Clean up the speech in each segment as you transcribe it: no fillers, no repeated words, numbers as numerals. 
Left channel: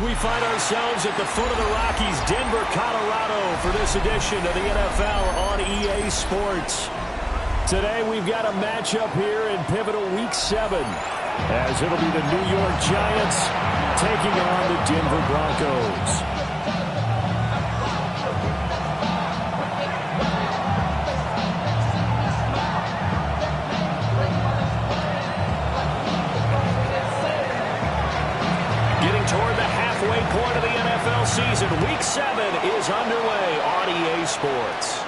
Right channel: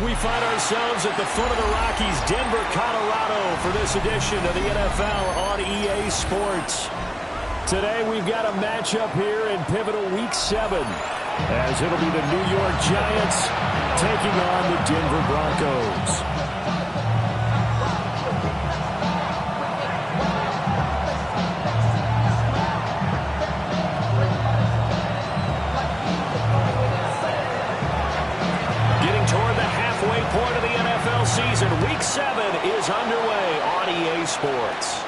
We find ourselves at the foot of the Rockies, Denver, Colorado, for this edition of the NFL on EA Sports. Today we've got a matchup here in pivotal Week 7, as it'll be the New York Giants taking on the Denver Broncos. Toward the halfway point of the NFL season. Week 7 is underway on EA Sports.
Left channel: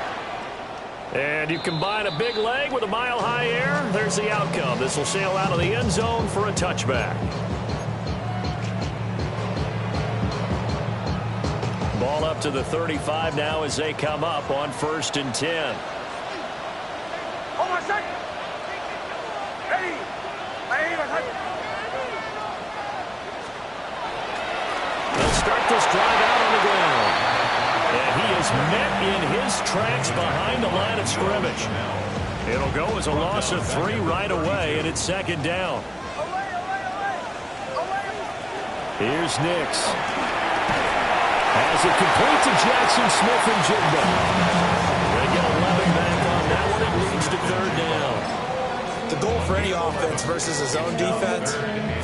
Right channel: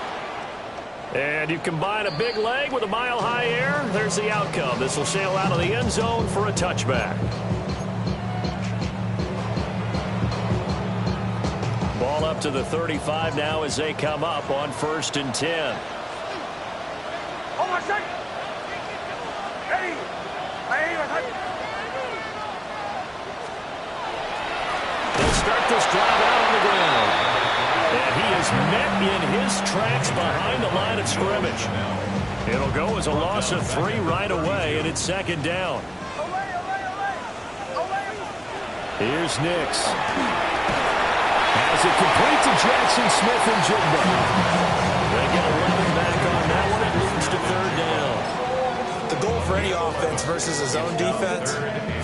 And you combine a big leg with a mile-high air, there's the outcome. This will sail out of the end zone for a touchback. Ball up to the 35 now as they come up on 1st and 10. Hold on a second. Ready. They'll start this drive out on the ground. And he is met in his tracks behind the line of scrimmage. It'll go as a loss of 3 right away, and it's 2nd down. Here's Nix. Has it complete to Jackson Smith and Jigba. They get 11 back on that one. It leads to 3rd down. The goal for any offense versus a zone defense,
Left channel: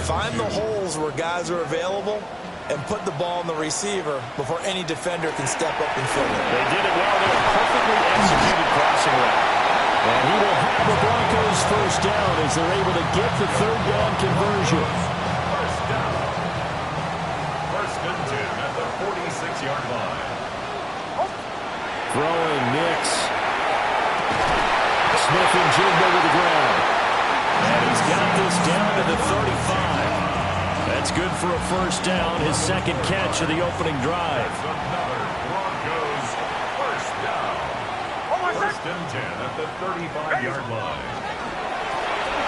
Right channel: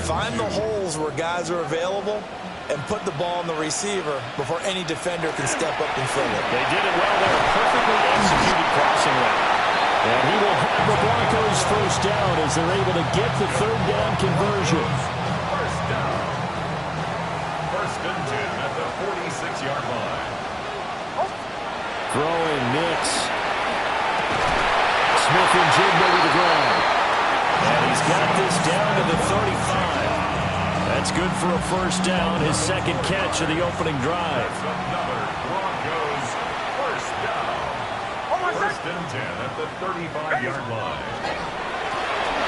find the holes where guys are available and put the ball on the receiver before any defender can step up and fill it. They did it well there. Perfectly executed crossing route. And he will have the Broncos 1st down as they're able to get the 3rd down conversion. 1st down. 1st and 10 at the 46-yard line. Throwing Nix. Smith and Jigba with the grab. And he's got this down to the 35. That's good for a 1st down, his 2nd catch of the opening drive. Another Broncos 1st down. 1st and 10 at the 35-yard line.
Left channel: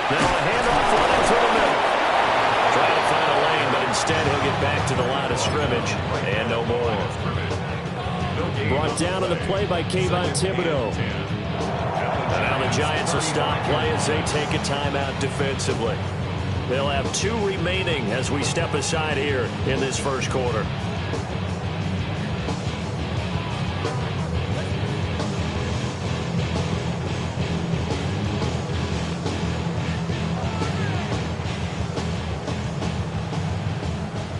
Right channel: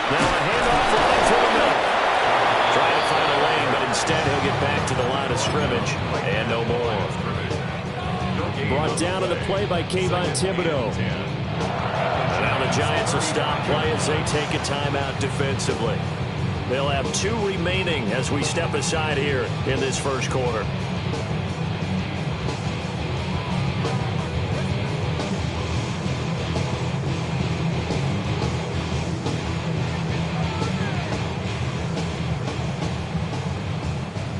Now a handoff running through the middle. Trying to find a lane, but instead he'll get back to the line of scrimmage. And no more. Brought down to the play by Kayvon Thibodeau. And now the Giants will stop play as they take a timeout defensively. They'll have 2 remaining as we step aside here in this 1st quarter.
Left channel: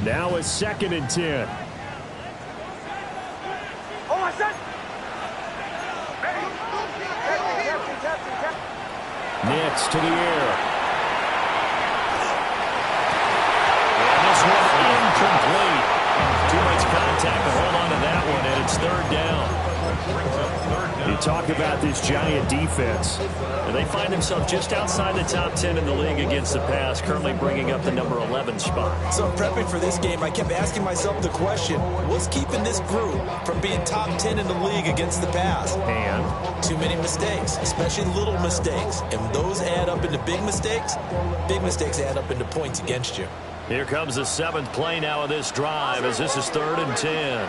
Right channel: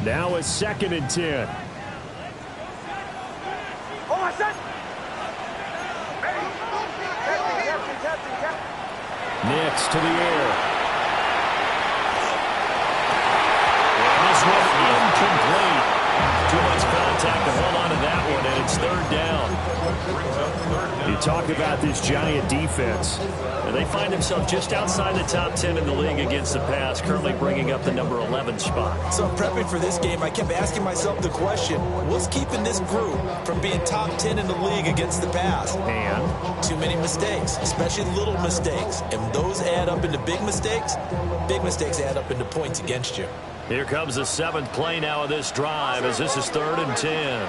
Now it's 2nd and 10. Nix to the air. This one incomplete. Too much contact to hold on to that one, and it's 3rd down. You talk about this Giant defense. And they find themselves just outside the top 10 in the league against the pass, currently bringing up the number 11 spot. So prepping for this game, I kept asking myself the question, what's keeping this group from being top 10 in the league against the pass? And? Too many mistakes, especially little mistakes. And those add up into big mistakes. Big mistakes add up into points against you. Here comes the 7th play now of this drive as this is 3rd and 10.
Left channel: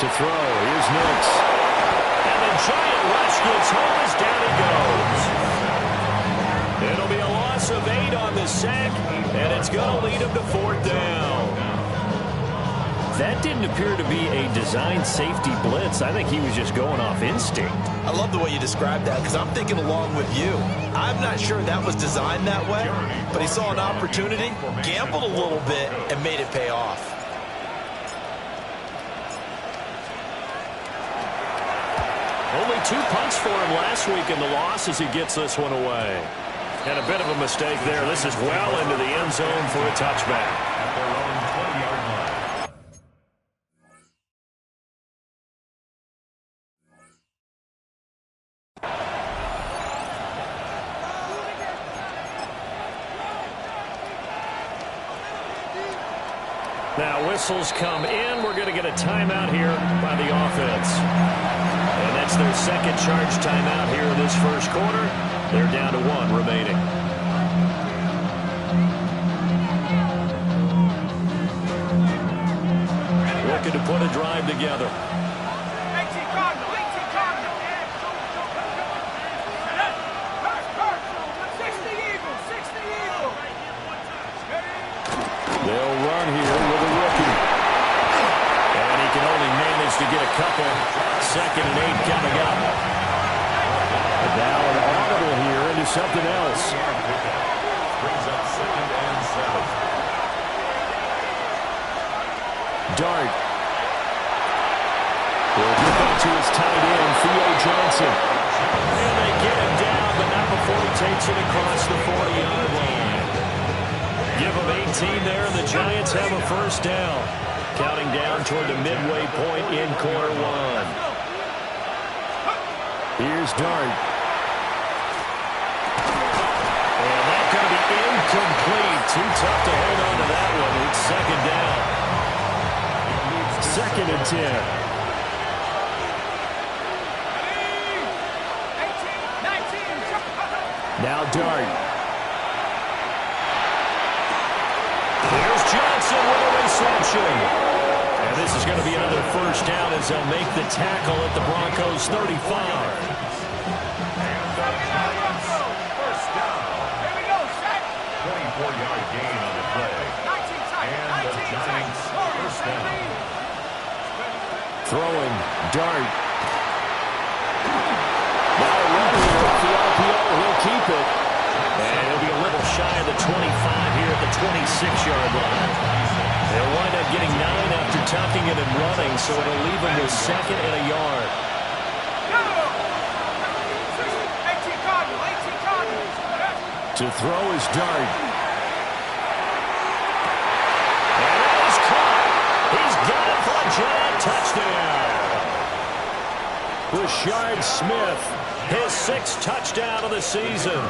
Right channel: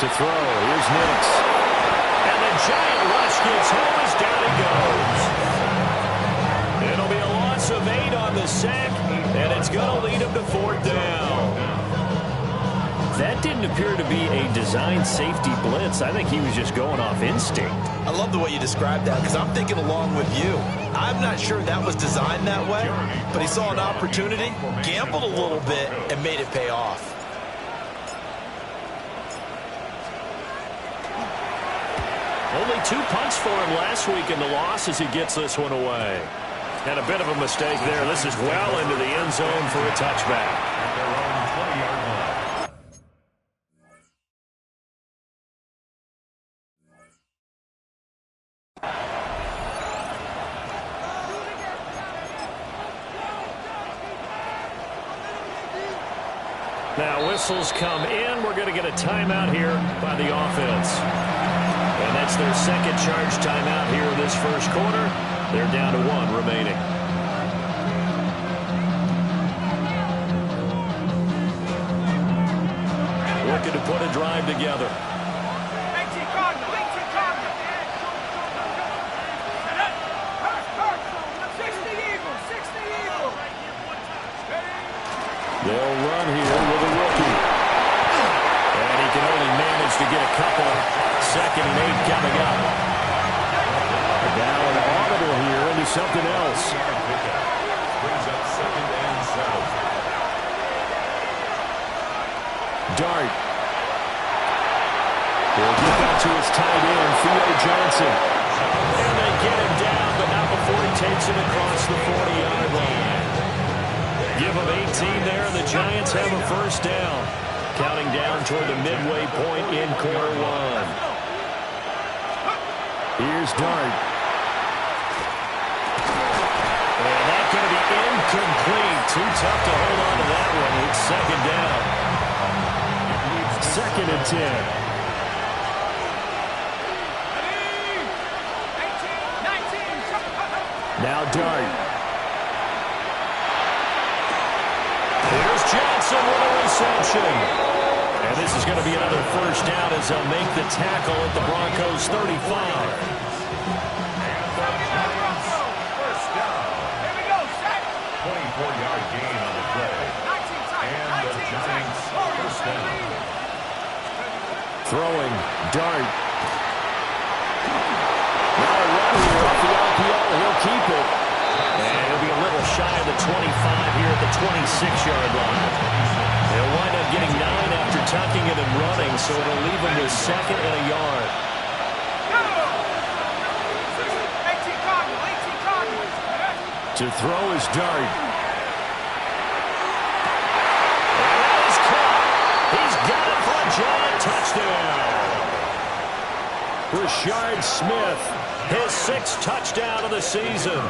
To throw, here's Nix. And the Giant rush gets home as down he goes. It'll be a loss of 8 on the sack, and it's going to lead him to 4th down. That didn't appear to be a design safety blitz. I think he was just going off instinct. I love the way you described that because I'm thinking along with you. I'm not sure that was designed that way, but he saw an opportunity, gambled a little bit, and made it pay off. Only 2 punts for him last week in the loss as he gets this one away. And a bit of a mistake there. This is well into the end zone for a touchback. At their own 20-yard line. Now whistles come in. We're going to get a timeout here by the offense. And that's their 2nd charge timeout here in this 1st quarter. They're down to 1 remaining. Looking to put a drive together. 18 Cardinal, 18 Cardinal. 60 Eagles, 60 Eagles. They'll run here with a rookie. And he can only manage to get a couple. 2nd and 8 coming up. And now an audible here into something else. Brings up 2nd and 7. Dart. He'll get that to his tight end, Theo Johnson. And they get him down, but not before he takes it across the 40-yard line. Give him 18 there, and the Giants have a first down. Counting down toward the midway point in quarter 1. Here's Dart. And that's going to be incomplete. Too tough to hold on to that one. It's 2nd down. 2nd and 10. Now Dart. Here's Johnson with a reception. And this is going to be another first down as they'll make the tackle at the Broncos' 35. And the Giants first down. Here we go, set. 24-yard gain on the play. 19 seconds. And the Giants first down. Throwing, Dart. Now a run here off the RPO. He'll keep it. And he'll be a little shy of the 25 here at the 26-yard line. They'll wind up getting 9 after tucking it and running, so it'll leave them with 2nd and a yard. 18 Cardinals. To throw is Dart. And that is caught. He's got it for a Giant touchdown. Rashard Smith, his 6th touchdown of the season.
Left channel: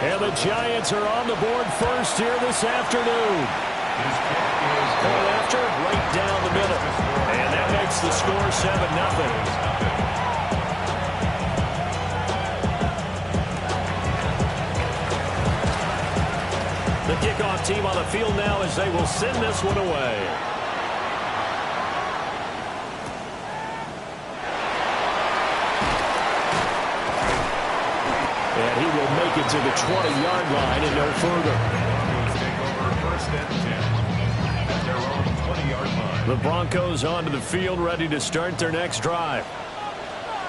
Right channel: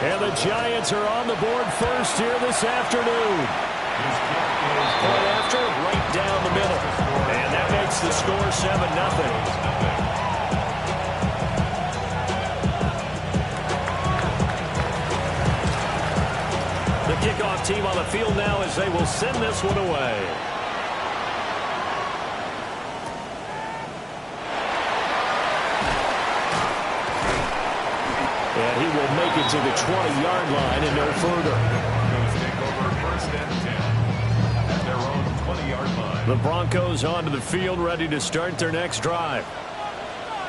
And the Giants are on the board first here this afternoon. Point after, right down the middle. And that makes the score 7-0. The kickoff team on the field now as they will send this one away. And he will make it to the 20-yard line and no further. Broncos take over 1st and 10 at their own 20-yard line. The Broncos onto the field, ready to start their next drive.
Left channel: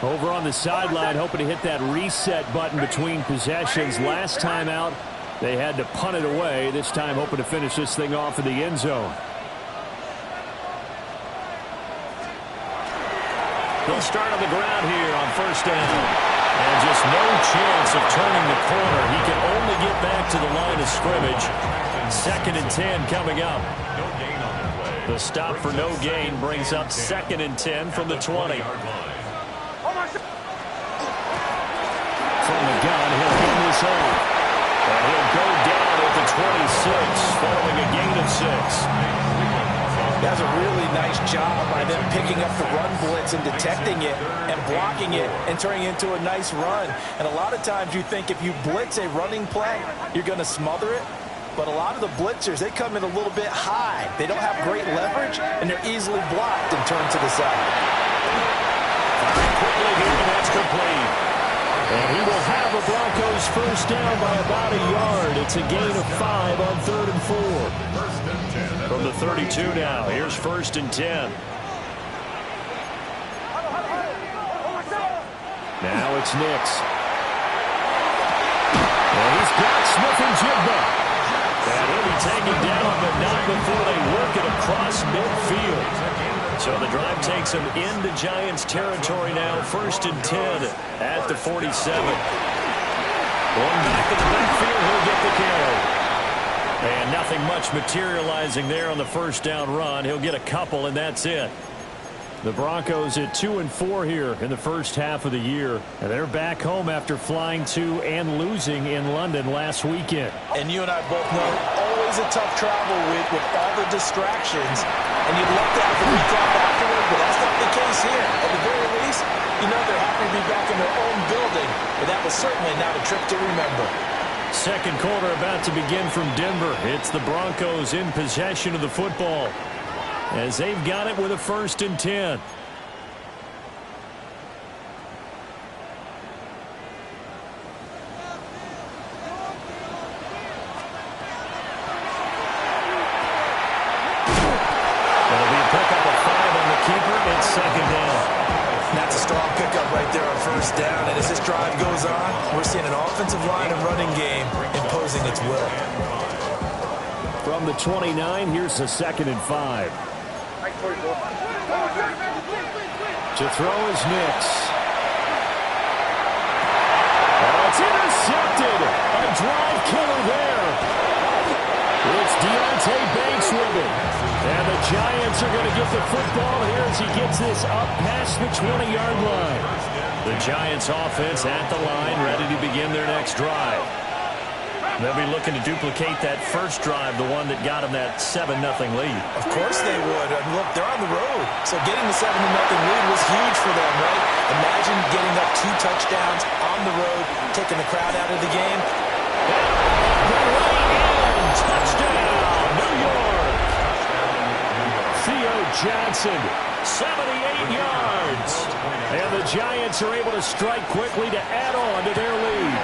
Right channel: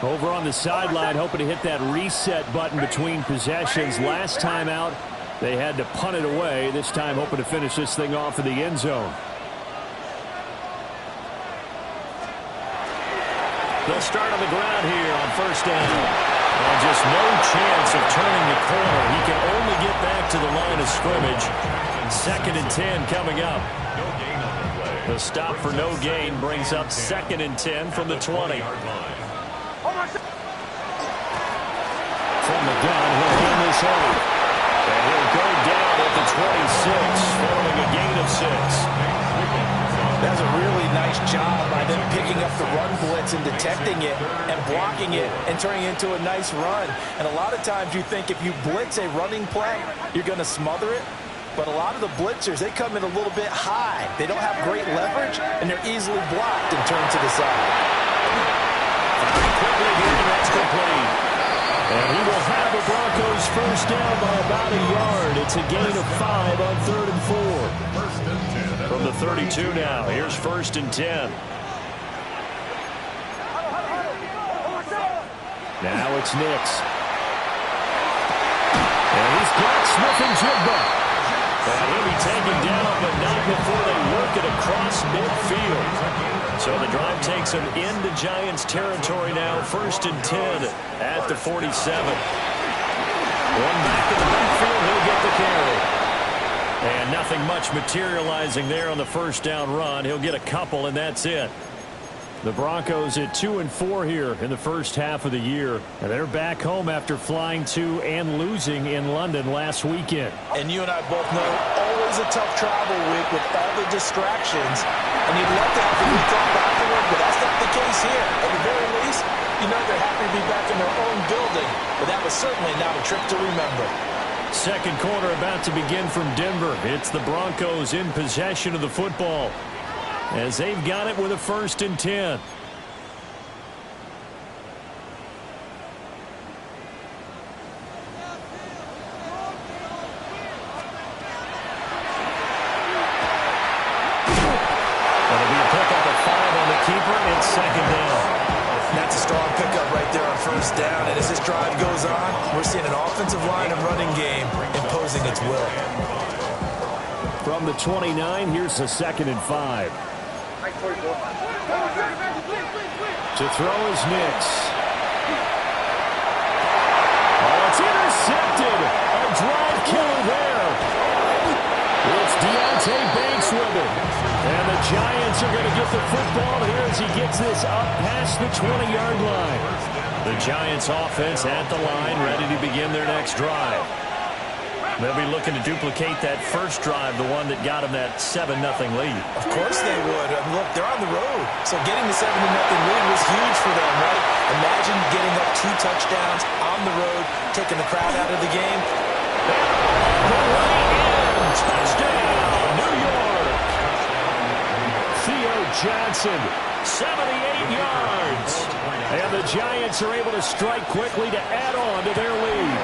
Over on the sideline, hoping to hit that reset button between possessions. Last time out, they had to punt it away. This time, hoping to finish this thing off in the end zone. They'll start on the ground here on first down. And just no chance of turning the corner. He can only get back to the line of scrimmage. 2nd and 10 coming up. No gain on the play. The stop for no gain brings up 2nd and 10 from the 20. From the gun, he'll hand this off. And he'll go down at the 26, following a gain of 6. That's a really nice job by them picking up the run blitz and detecting it and blocking it and turning it into a nice run. And a lot of times you think if you blitz a running play, you're going to smother it. But a lot of the blitzers, they come in a little bit high. They don't have great leverage, and they're easily blocked and turned to the side. Very quickly here, and that's complete. And he will have a Broncos first down by about a yard. It's a gain of 5 on 3rd and 4. 1st and 10. From the 32 now, here's 1st and 10. Now it's Nix. And he's got Smith and Jigba. And he'll be taken down, but not before they work it across midfield. So the drive takes him into Giants territory now. 1st and 10 at the 47. One back in the backfield, he'll get the carry. And nothing much materializing there on the first down run. He'll get a couple, and that's it. The Broncos at 2-4 here in the first half of the year. And they're back home after flying to and losing in London last weekend. And you and I both know, always a tough travel week with all the distractions. And you'd love to have the week off afterward, but that's not the case here. At the very least, you know they're happy to be back in their own building. But that was certainly not a trip to remember. Second quarter about to begin from Denver. It's the Broncos in possession of the football, as they've got it with a 1st and 10. on second down. That's a strong pickup right there on first down. And as this drive goes on, we're seeing an offensive line and running game imposing its will. From the 29, here's a 2nd and 5. To throw is Nix. Oh, it's intercepted. A drive killer there. It's Deontay Banks with it. And the Giants are going to get the football here as he gets this up past the 20-yard line. The Giants offense at the line, ready to begin their next drive. They'll be looking to duplicate that first drive, the one that got them that 7-0 lead. Of course they would. I mean, look, they're on the road. So getting the 7-0 lead was huge for them, right? Imagine getting up 2 touchdowns on the road, taking the crowd out of the game. And the way in. Touchdown, New York. Theo Johnson, 78 yards. And the Giants are able to strike quickly to add on to their lead.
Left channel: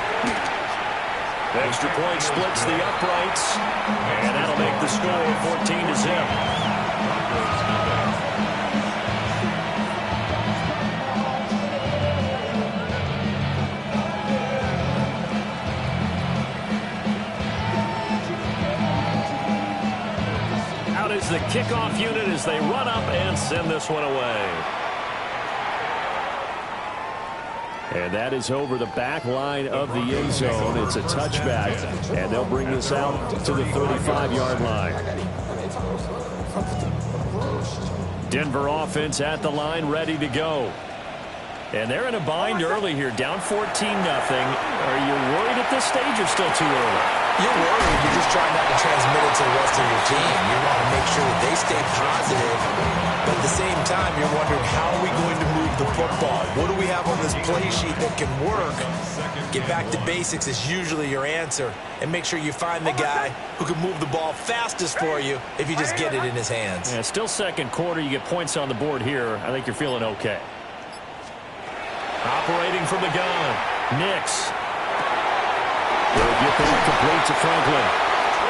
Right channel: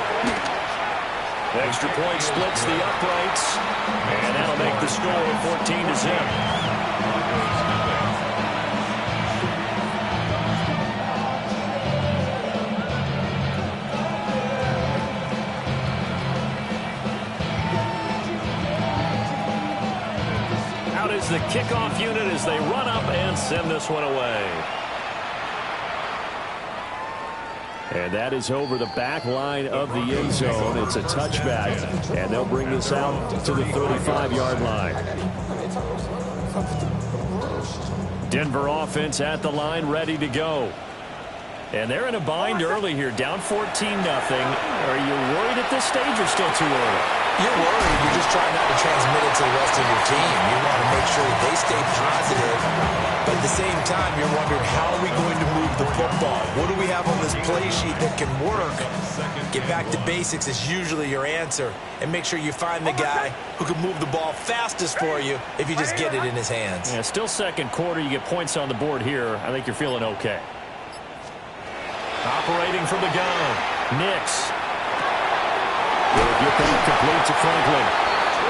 Extra point splits the uprights, and that'll make the score 14-0. Out is the kickoff unit as they run up and send this one away. And that is over the back line of the end zone. It's a touchback, and they'll bring this out to the 35-yard line. Denver offense at the line, ready to go. And they're in a bind early here, down 14-0. Are you worried at this stage or still too early? You're worried. You're just trying not to transmit it to the rest of your team. You want to make sure that they stay positive. But at the same time, you're wondering, how are we going to move the football? What do we have on this play sheet that can work? Get back to basics is usually your answer. And make sure you find the guy who can move the ball fastest for you if you just get it in his hands. Yeah, still second quarter. You get points on the board here. I think you're feeling okay. Operating from the gun, Nix. They'll get that complete to Franklin.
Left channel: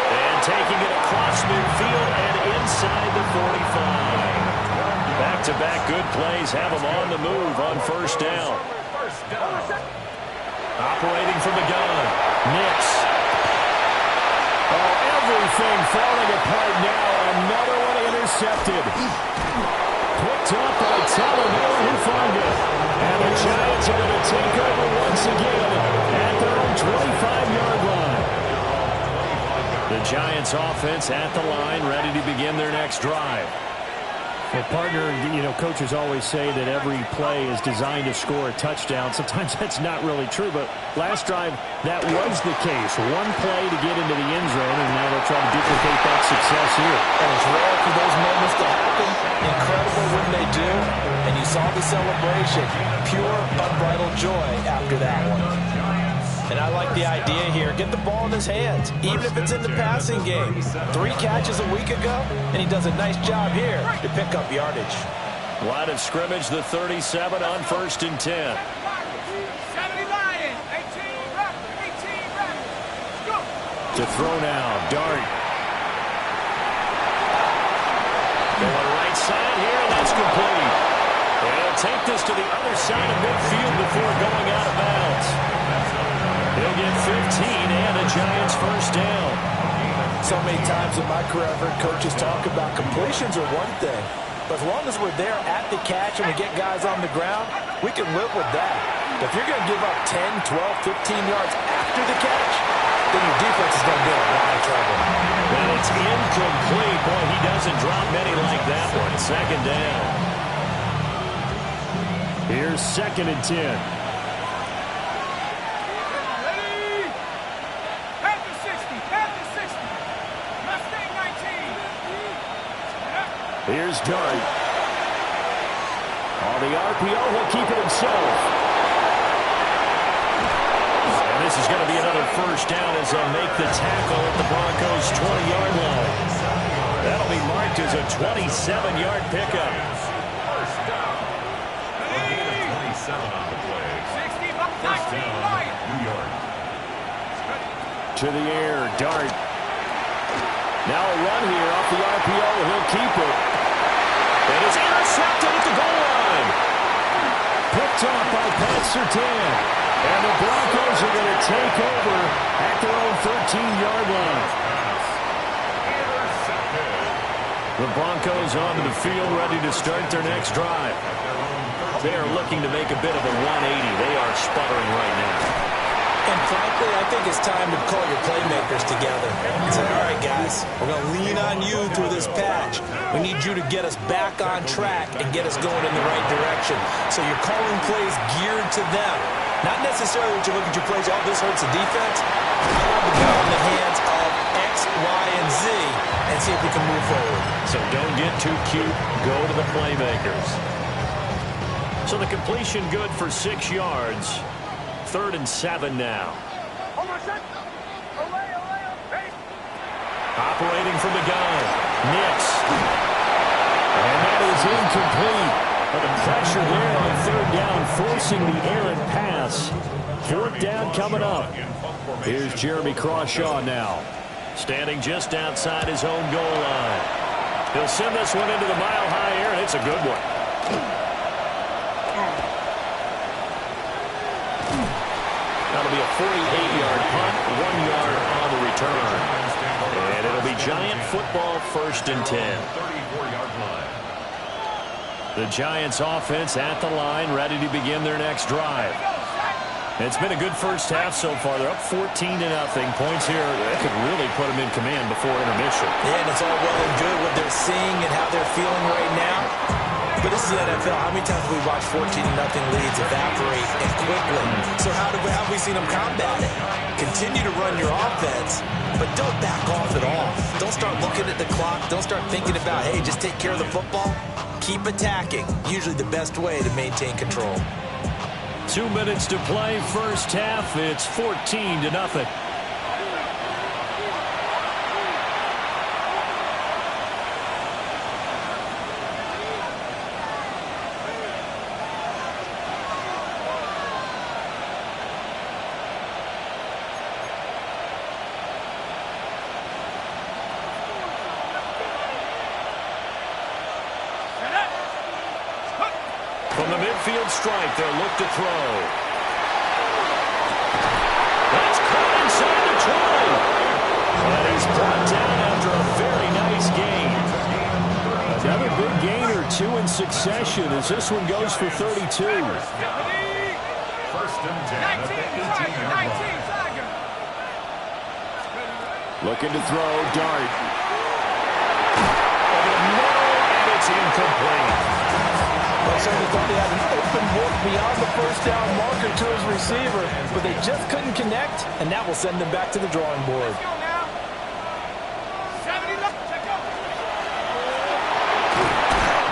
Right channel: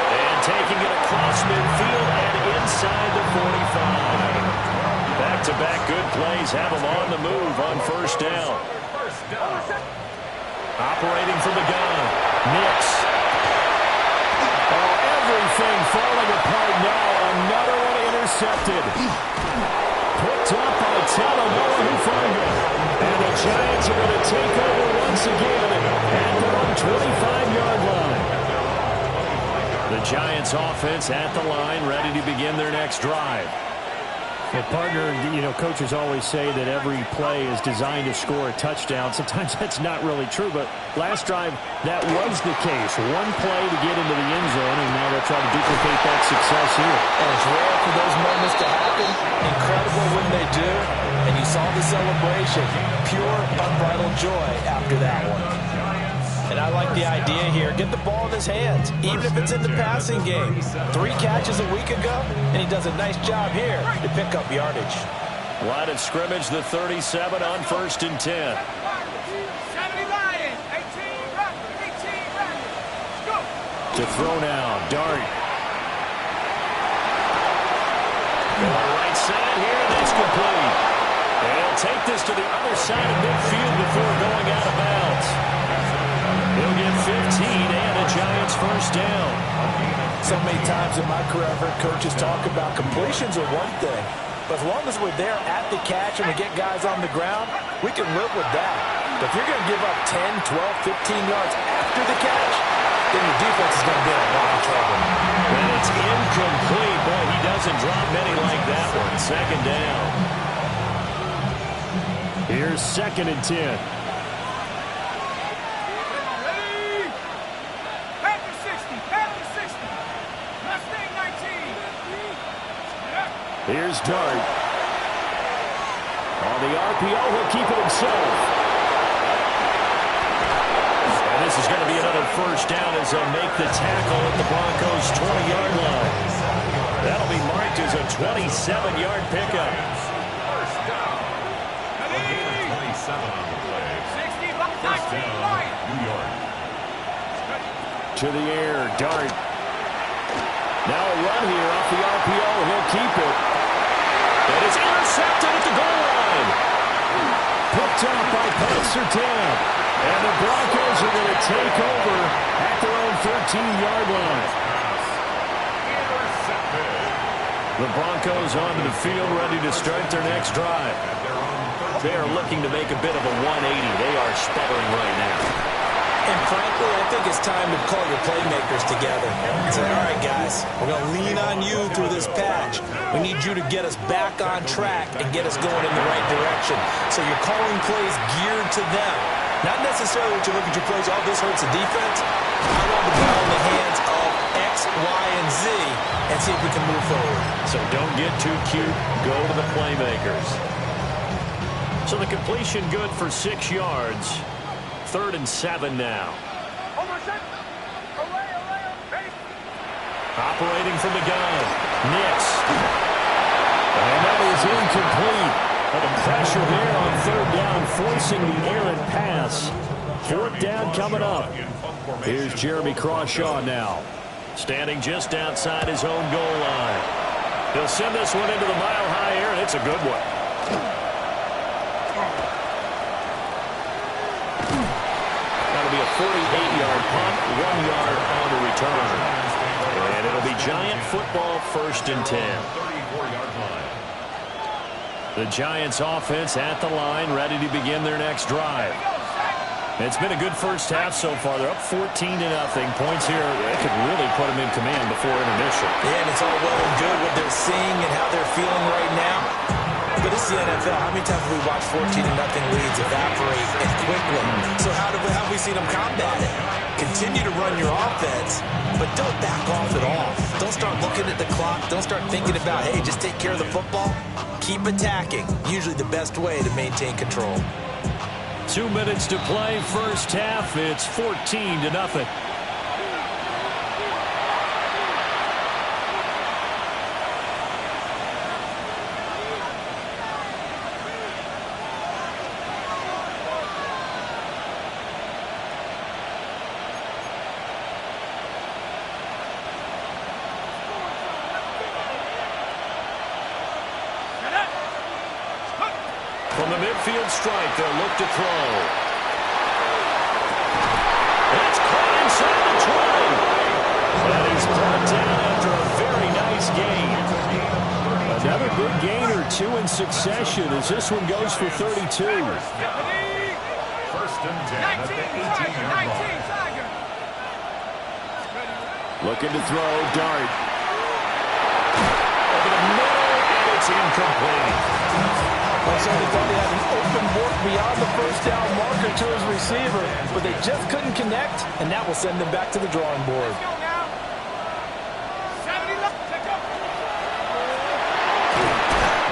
And taking it across midfield and inside the 45. Back-to-back good plays have them on the move on first down. Operating from the gun, Nix. Oh, everything falling apart now. Another one intercepted. Picked up by Talanoa Hufanga. And the Giants are going to take over once again at their own 25-yard line. The Giants offense at the line, ready to begin their next drive. Well, partner, you know, coaches always say that every play is designed to score a touchdown. Sometimes that's not really true, but last drive, that was the case. One play to get into the end zone, and now they'll try to duplicate that success here. And it's rare for those moments to happen. Incredible when they do. And you saw the celebration. Pure, unbridled joy after that one. And I like the idea here. Get the ball in his hands, even if it's in the passing game. 3 catches a week ago, and he does a nice job here to pick up yardage. Line of scrimmage, the 37 on 1st and 10. 70 Lions, 18 Raptors, 18 Raptors. Go. To throw now, Dart. Going right side here, and that's complete. And he'll take this to the other side of midfield before going out of bounds. He'll get 15 and a Giants first down. So many times in my career, I've heard coaches talk about completions are one thing. But as long as we're there at the catch and we get guys on the ground, we can live with that. But if you're going to give up 10, 12, 15 yards after the catch, then your defense is going to be in a lot of trouble. And it's incomplete. Boy, he doesn't drop many like that one. Second down. Here's 2nd and 10. Here's Dart. On the RPO, he'll keep it himself. And this is going to be another first down as they'll make the tackle at the Broncos' 20-yard line. That'll be marked as a 27-yard pickup. First down. A gain of 27 on the play. First down, New York. To the air, Dart. Now a run here off the RPO. He'll keep it. It is intercepted at the goal line. Picked off by Pat Surtain. And the Broncos are going to take over at their own 13-yard line. The Broncos onto the field, ready to start their next drive. They are looking to make a bit of a 180. They are sputtering right now. And frankly, I think it's time to call your playmakers together and say, all right, guys, we're going to lean on you through this patch. We need you to get us back on track and get us going in the right direction. So you're calling plays geared to them. Not necessarily that you look at your plays, oh, this hurts the defense. I want the ball in the hands of X, Y, and Z and see if we can move forward. So don't get too cute. Go to the playmakers. So the completion good for 6 yards. 3rd and 7 now. Operating from the gun. Nix. And that is incomplete. But the pressure there on 3rd down, forcing the errant pass. 4th down coming up. Here's Jeremy Crawshaw now. Standing just outside his own goal line. He'll send this one into the mile-high air, and it's a good one. That'll be a 48-yard punt, 1 yard on the return. And it'll be Giant football, 1st and 10. The Giants offense at the line, ready to begin their next drive. It's been a good first half so far. They're up 14-0. Points here, that could really put them in command before intermission. Yeah, and it's all well and good what they're seeing and how they're feeling right now. But this is the NFL. How many times have we watched 14-0 leads evaporate and quickly? So how have we seen them combat it? Continue to run your offense, but don't back off at all. Don't start looking at the clock. Don't start thinking about, hey, just take care of the football. Keep attacking. Usually the best way to maintain control. 2 minutes to play, first half. It's 14-0. From the midfield stripe, they'll look to throw. That's caught inside the 20. And he's brought down after a very nice gain. Another big gain or 2 in succession as this one goes for 32. 1st and 10 at the 18-yard line. Looking to throw, Dart. Over the middle, and it's incomplete. I certainly thought he had an open look beyond the first down marker to his receiver, but they just couldn't connect, and that will send them back to the drawing board.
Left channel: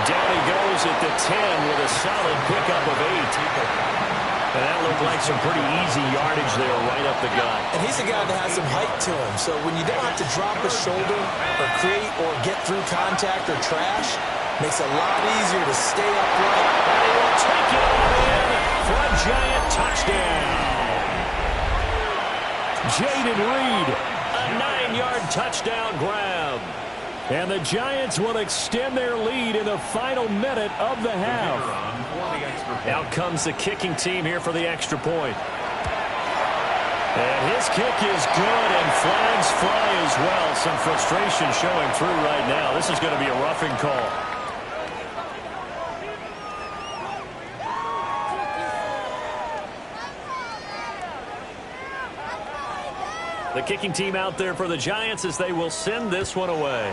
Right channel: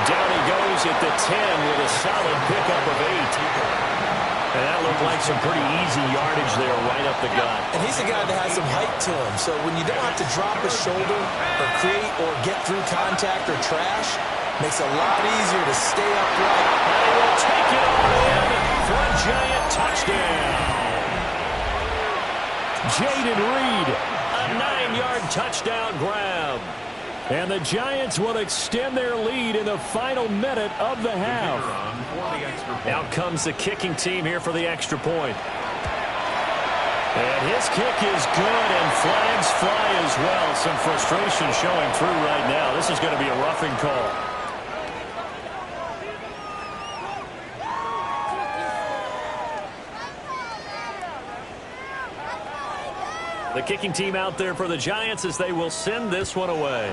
Down he goes at the 10 with a solid pickup of 8. And that looked like some pretty easy yardage there right up the gut. And he's a guy that has some height to him, so when you don't have to drop a shoulder or create or get through contact or trash, makes it a lot easier to stay upright. And he will take it on in for a Giant touchdown. Jaden Reed. A 9-yard touchdown grab. And the Giants will extend their lead in the final minute of the half. Out comes the kicking team here for the extra point. And his kick is good, and flags fly as well. Some frustration showing through right now. This is going to be a roughing call. The kicking team out there for the Giants as they will send this one away.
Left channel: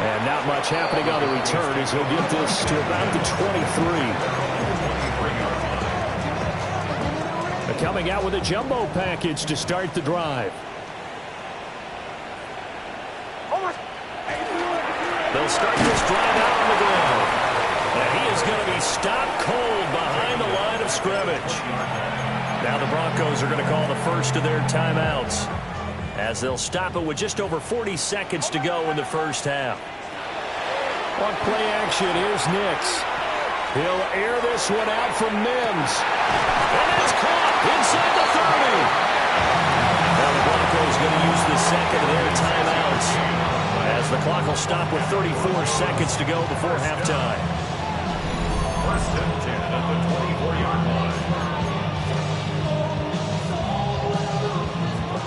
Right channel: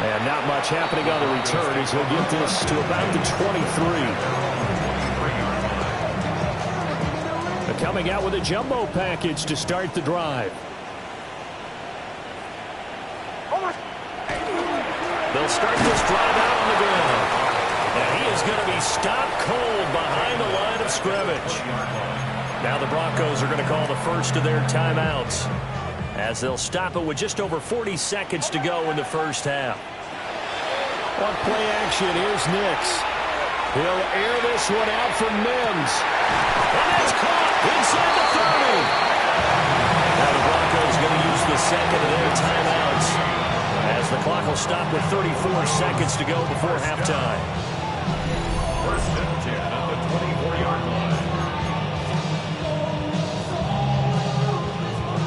And not much happening on the return as he'll get this to about the 23. They're coming out with a jumbo package to start the drive. They'll start this drive out on the ground. And he is going to be stopped cold behind the line of scrimmage. Now the Broncos are going to call the first of their timeouts as they'll stop it with just over 40 seconds to go in the first half. On play action, here's Nix. He'll air this one out from Mims. And that's caught inside the 30. Now the Broncos going to use the second of their timeouts as the clock will stop with 34 seconds to go before halftime. First and 10 at the 24-yard line.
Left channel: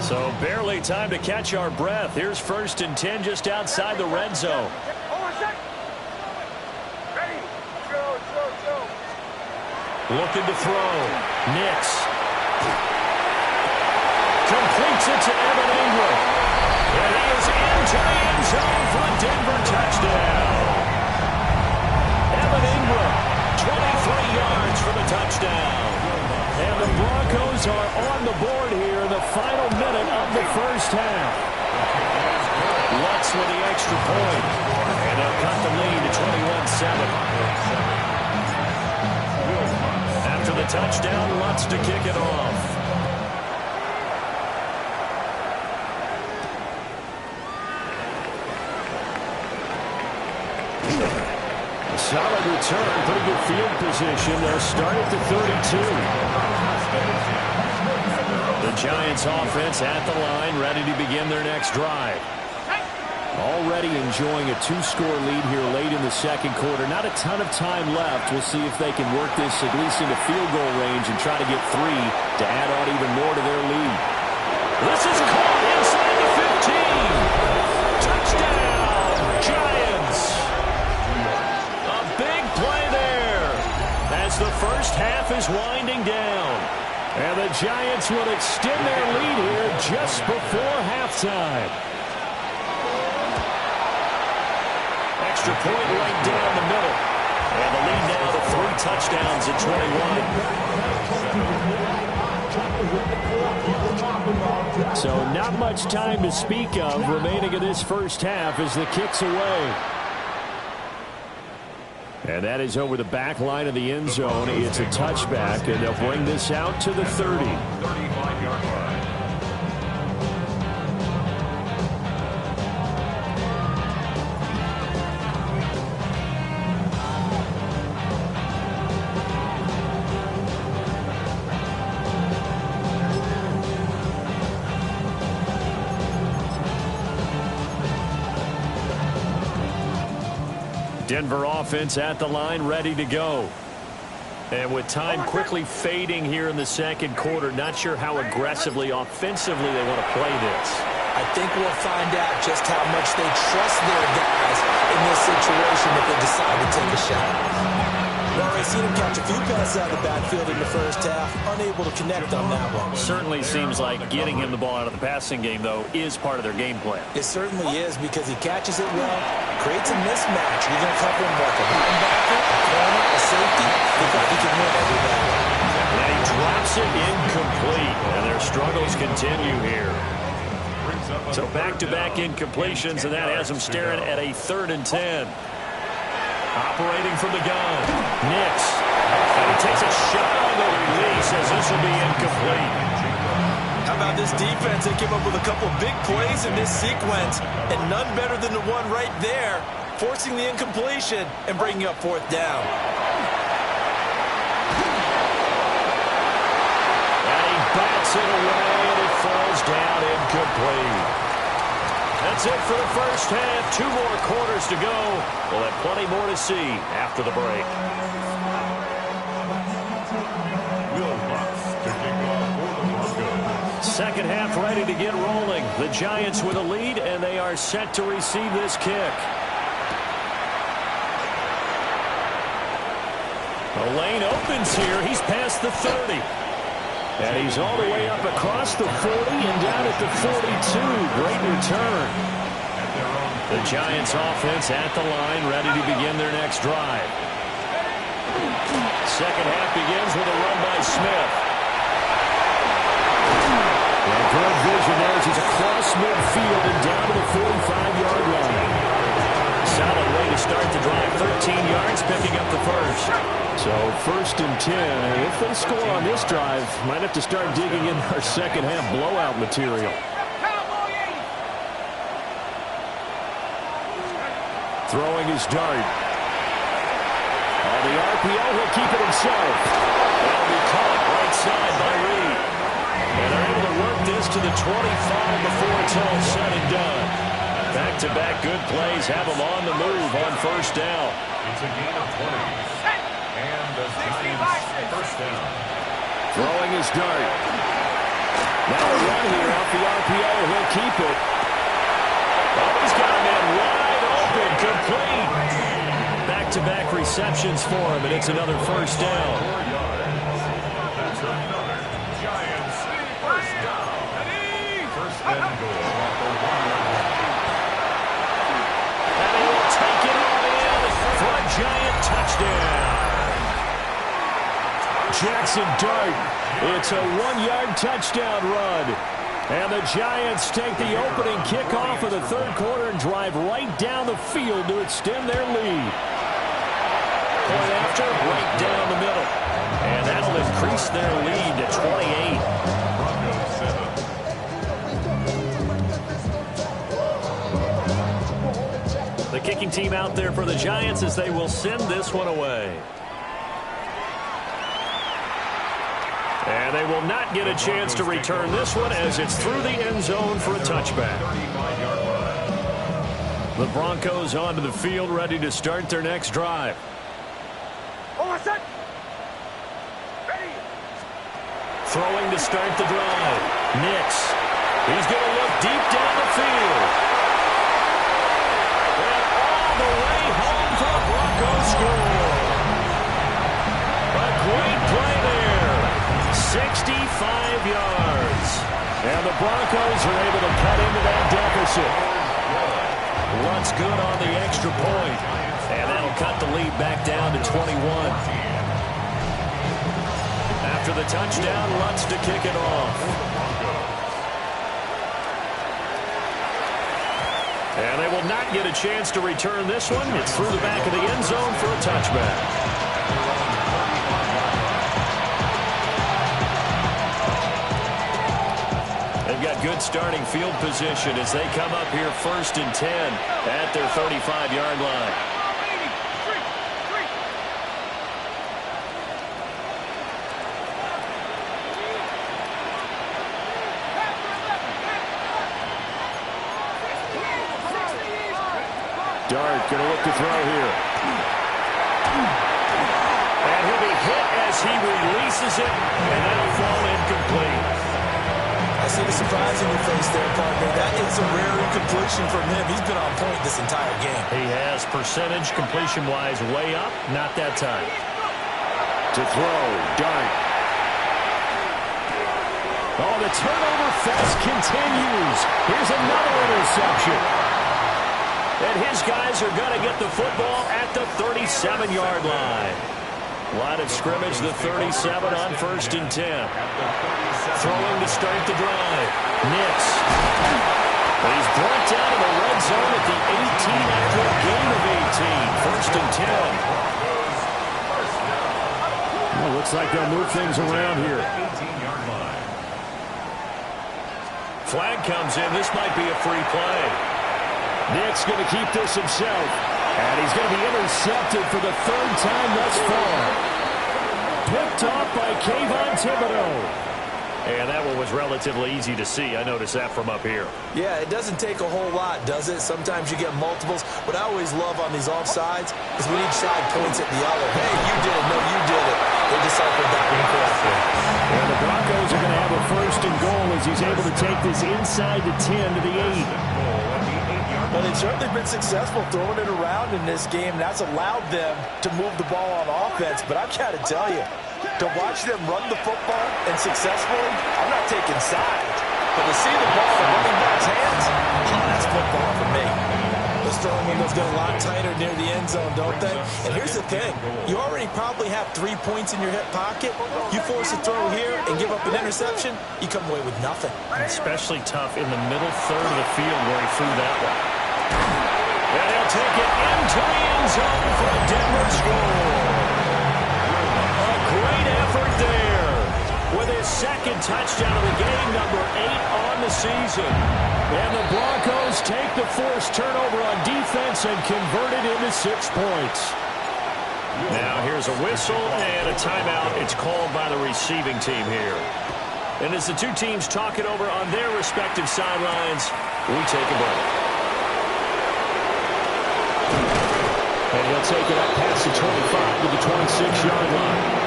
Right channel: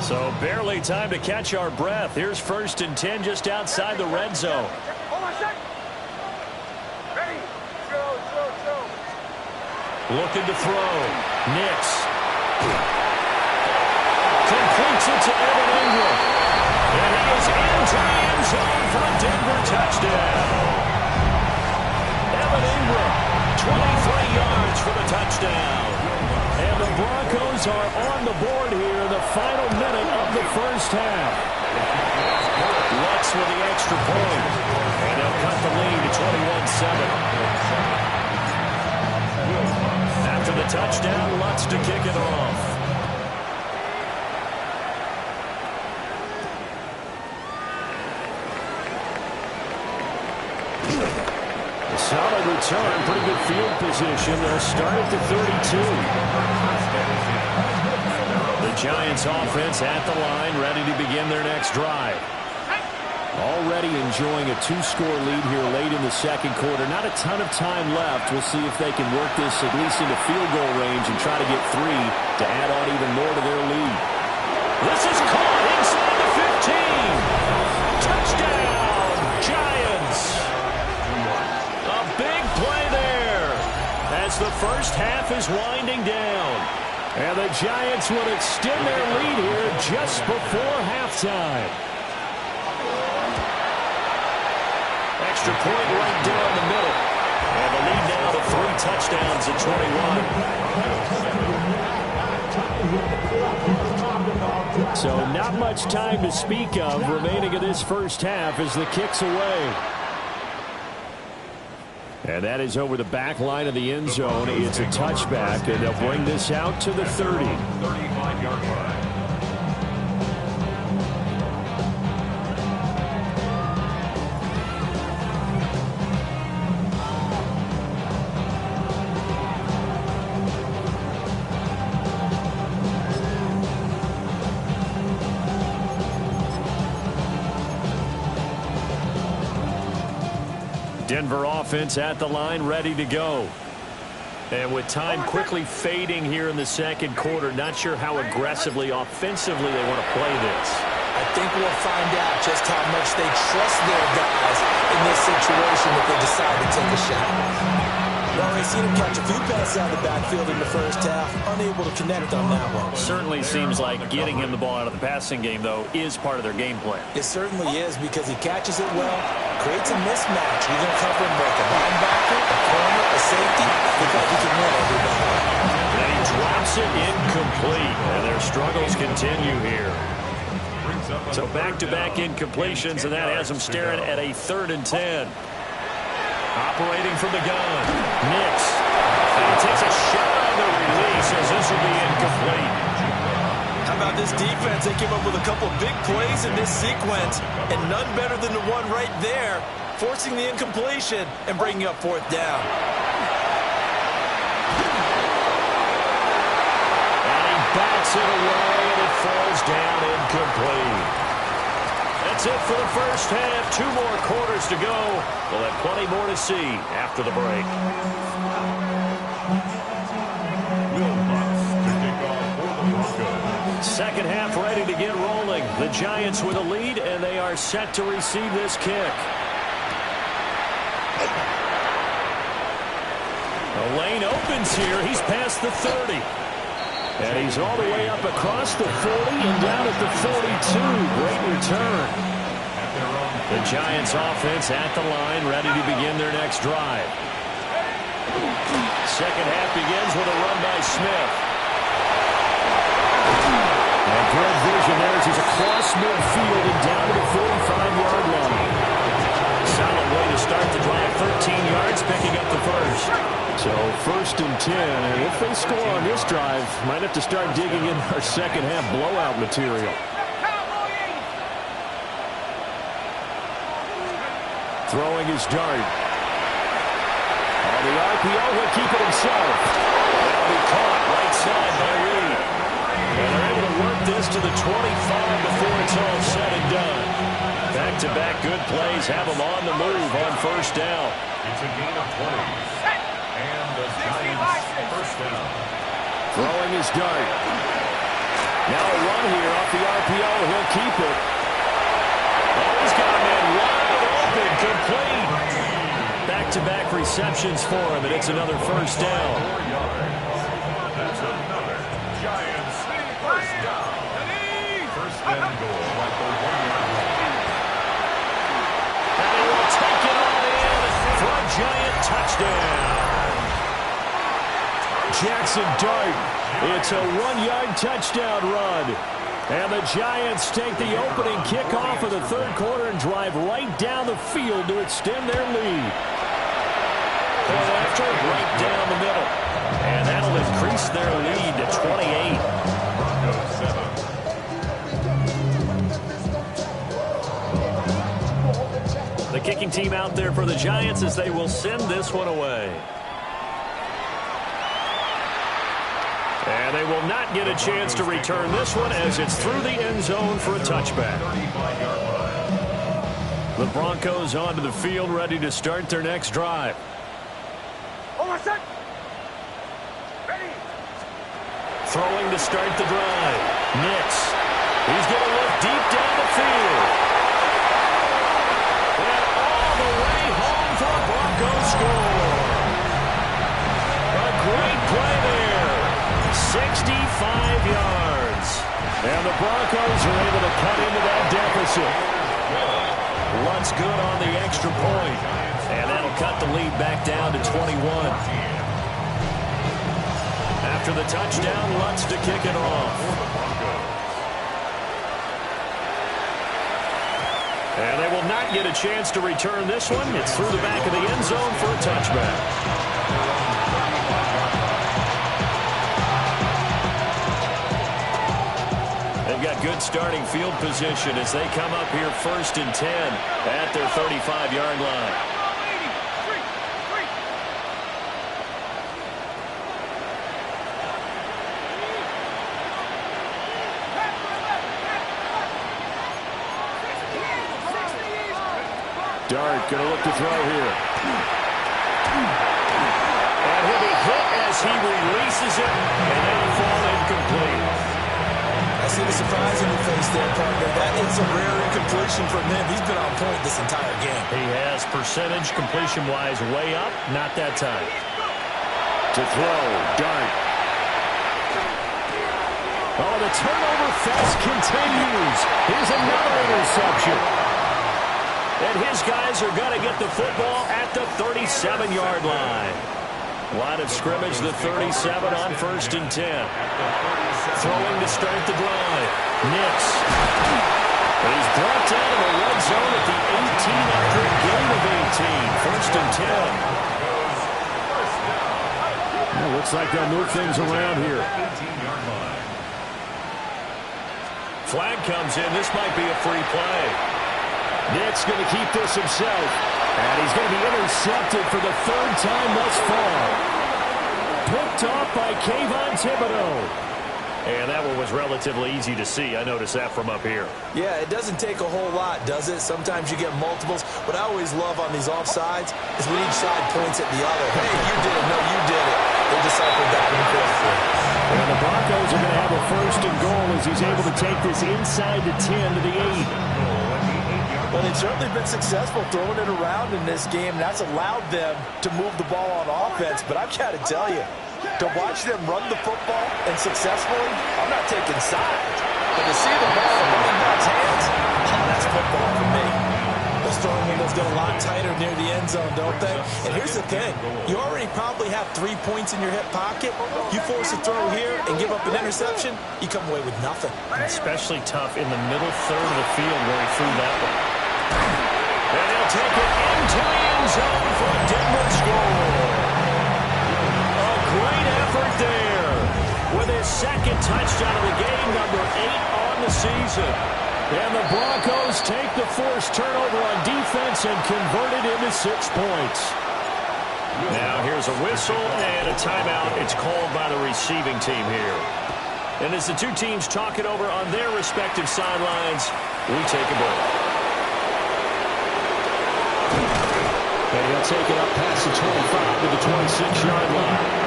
So barely time to catch our breath. Here's first and 10 just outside the red zone. Looking to throw. Nix. Completes it to Evan Ingram. And he is into the end zone for a Denver touchdown. Evan Ingram, 23 yards for the touchdown. And the Broncos are on the board here in the final minute of the first half. Lutz with the extra point. And they'll cut the lead to 21-7. After the touchdown, Lutz to kick it off. A solid return, pretty good field position. They'll start at the 32. The Giants offense at the line, ready to begin their next drive. Already enjoying a 2-score lead here late in the second quarter. Not a ton of time left. We'll see if they can work this at least into field goal range and try to get 3 to add on even more to their lead. This is caught inside the 15. Touchdown, Giants. A big play there as the first half is winding down. And the Giants will extend their lead here just before halftime. Extra point right down the middle. And the lead now to 3 touchdowns at 21. So not much time to speak of remaining in this first half as the kick's away. And that is over the back line of the end zone. It's a touchback, and they'll bring this out to the 30. 35-yard line. Denver offense at the line, ready to go. And with time quickly fading here in the second quarter, not sure how aggressively, offensively they want to play this. I think we'll find out just how much they trust their guys in this situation if they decide to take a shot. We've already seen him catch a few passes out of the backfield in the first half, unable to connect on that one. Certainly seems like getting him the ball out of the passing game, though, is part of their game plan. It certainly is because he catches it well, creates a mismatch. You're going to cover him like a linebacker, a corner, a safety. Looks like he can win every battle. And then he drops it incomplete, and their struggles continue here. So back-to-back incompletions, and that has them staring at a 3rd and 10. Operating from the gun. Nix. And he takes a shot on the release as this will be incomplete. How about this defense? They came up with a couple of big plays in this sequence, and none better than the one right there, forcing the incompletion and bringing up 4th down. And he bats it away, and it falls down incomplete. That's it for the first half. 2 more quarters to go. We'll have plenty more to see after the break. Will Lutz to kick off for the Broncos. Second half ready to get rolling. The Giants with a lead, and they are set to receive this kick. The lane opens here. He's past the 30. And he's all the way up across the 40 and down at the 42. Great return. The Giants offense at the line, ready to begin their next drive. Second half begins with a run by Smith. And good vision there as he's across midfield and down to the 45-yard line. Solid way to start the drive. 13 yards, picking up the first. So 1st and 10, and if they score on this drive, might have to start digging in our second half blowout material. Throwing his dart. On the RPO, he'll keep it himself. That'll be caught right side by Reed. And they're able to work this to the 25 before it's all said and done. Back-to-back good plays have them on the move on first down. It's a gain of 20. And the Giants first down. Throwing his dart. Now a run here off the RPO. He'll keep it. Oh, he's got a man wide open, complete. Back-to-back receptions for him, and it's another first down. 4 yards. That's another Giants first down. First and goal at the 1-yard line. And he will take it all in for a Giant touchdown. Jackson Dart. It's a 1-yard touchdown run. And the Giants take the opening kickoff of the third quarter and drive right down the field to extend their lead. Point after, right down the middle. And that'll increase their lead to 28. Broncos 7. The kicking team out there for the Giants as they will send this one away. And they will not get a chance to return this one as it's through the end zone for a touchback. 35-yard line. The Broncos onto the field ready to start their next drive. Throwing to start the drive. Nix. He's going to look deep down the field. And all the way home for a Broncos score. A great play there. 65 yards. And the Broncos are able to cut into that deficit. Luntz good on the extra point. And that'll cut the lead back down to 21. After the touchdown, Luntz to kick it off. And they will not get a chance to return this one. It's through the back of the end zone for a touchback. They've got good starting field position as they come up here 1st and 10 at their 35-yard line. Dart going to look to throw here. And he'll be hit as he releases it, and that'll fall incomplete. I see the surprise in your face there, partner. That is a rare incompletion from him. He's been on point this entire game. He has percentage completion-wise way up, not that time. To throw, Dart. Oh, the turnover fest continues. Here's another interception. And his guys are going to get the football at the 37-yard line. Line of scrimmage, the 37 on 1st and 10. Throwing to start the drive. Nix. But he's brought down to the red zone at the 18 after a gain of 18. 1st and 10. Well, looks like they'll move things around here. 18-yard line. Flag comes in. This might be a free play. Nick's going to keep this himself. And he's going to be intercepted for the 3rd time thus far. Picked off by Kayvon Thibodeau. And that one was relatively easy to see. I noticed that from up here. Yeah, it doesn't take a whole lot, does it? Sometimes you get multiples. What I always love on these offsides is when each side points at the other. Hey, you did it. No, you did it. They deciphered that incorrectly. And the Broncos are going to have a 1st and goal as he's able to take this inside the 10 to the 8. Well, they've certainly been successful throwing it around in this game. That's allowed them to move the ball on offense. But I've got to tell you, to watch them run the football and successfully, I'm not taking sides. But to see the ball in the running back's hands, oh, that's football for me. Those throwing windows get a lot tighter near the end zone, don't they? And here's the thing. You already probably have 3 points in your hip pocket. You force a throw here and give up an interception, you come away with nothing. Especially tough in the middle third of the field where he threw that one. And he'll take it into the end zone for a Denver score. A great effort there with his 2nd touchdown of the game, number 8 on the season. And the Broncos take the forced turnover on defense and convert it into 6 points. Now here's a whistle and a timeout. It's called by the receiving team here. And as the two teams talk it over on their respective sidelines, we take a break. And he'll take it up past the 25 to the 26-yard line.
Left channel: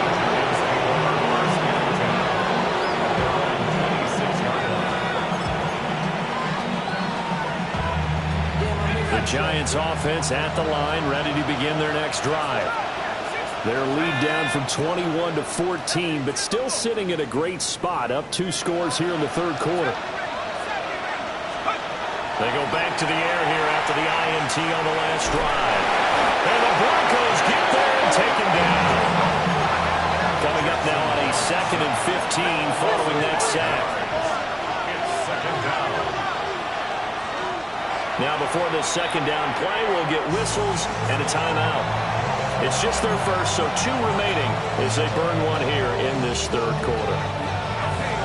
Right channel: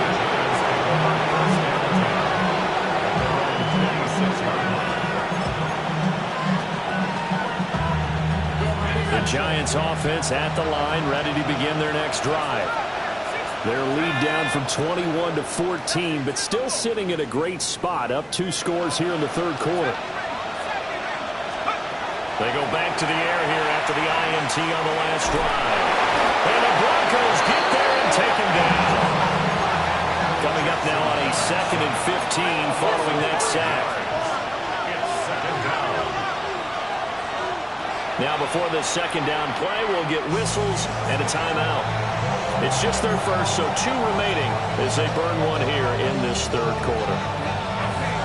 The Giants offense at the line, ready to begin their next drive. Their lead down from 21 to 14, but still sitting in a great spot, up 2 scores here in the third quarter. They go back to the air here after the INT on the last drive. And the Broncos get there and take him down. Coming up now on a 2nd and 15 following that sack. It's 2nd down. Now before this 2nd down play, we'll get whistles and a timeout. It's just their first, so 2 remaining as they burn one here in this third quarter.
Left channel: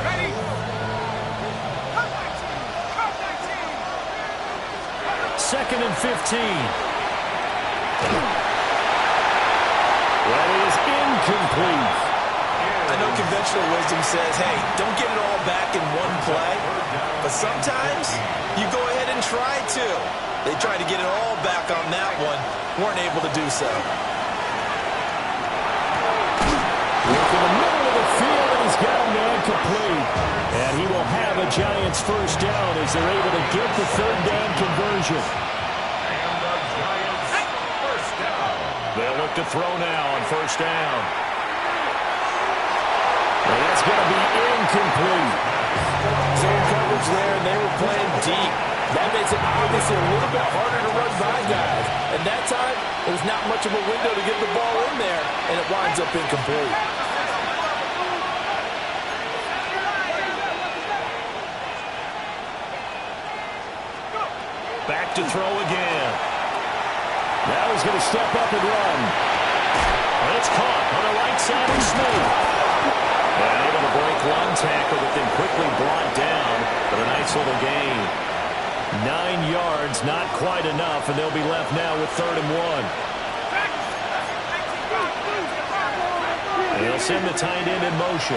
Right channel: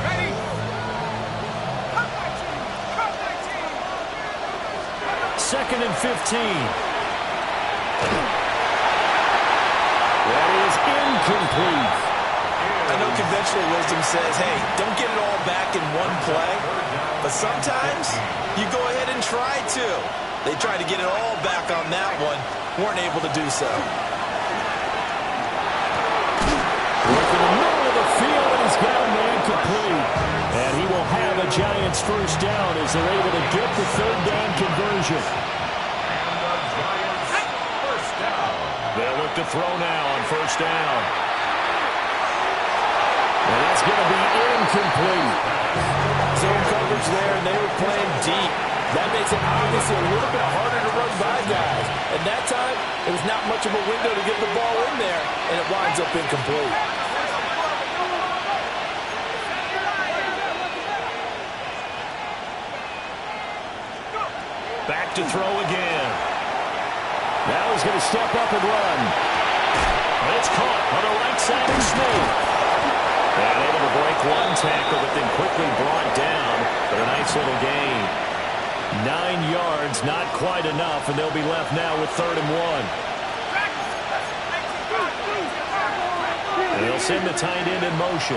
Ready? Cut 19. 2nd and 15. That is incomplete. I know conventional wisdom says, hey, don't get it all back in one play. But sometimes you go ahead and try to. They tried to get it all back on that one. Weren't able to do so. Work in the middle of the field, and he's got a man complete. And he will have a Giants first down as they're able to get the 3rd down conversion. And the Giants first down. They'll look to throw now on 1st down. And that's going to be incomplete. Zone coverage there, and they were playing deep. That makes it obviously a little bit harder to run by guys. And that time, it was not much of a window to get the ball in there, and it winds up incomplete. Back to throw again. Now he's going to step up and run. And it's caught on the right side of Smith. And able to break one tackle, but then quickly brought down. But a nice little gain. 9 yards, not quite enough, and they'll be left now with 3rd and 1. And he'll send the tight end in motion.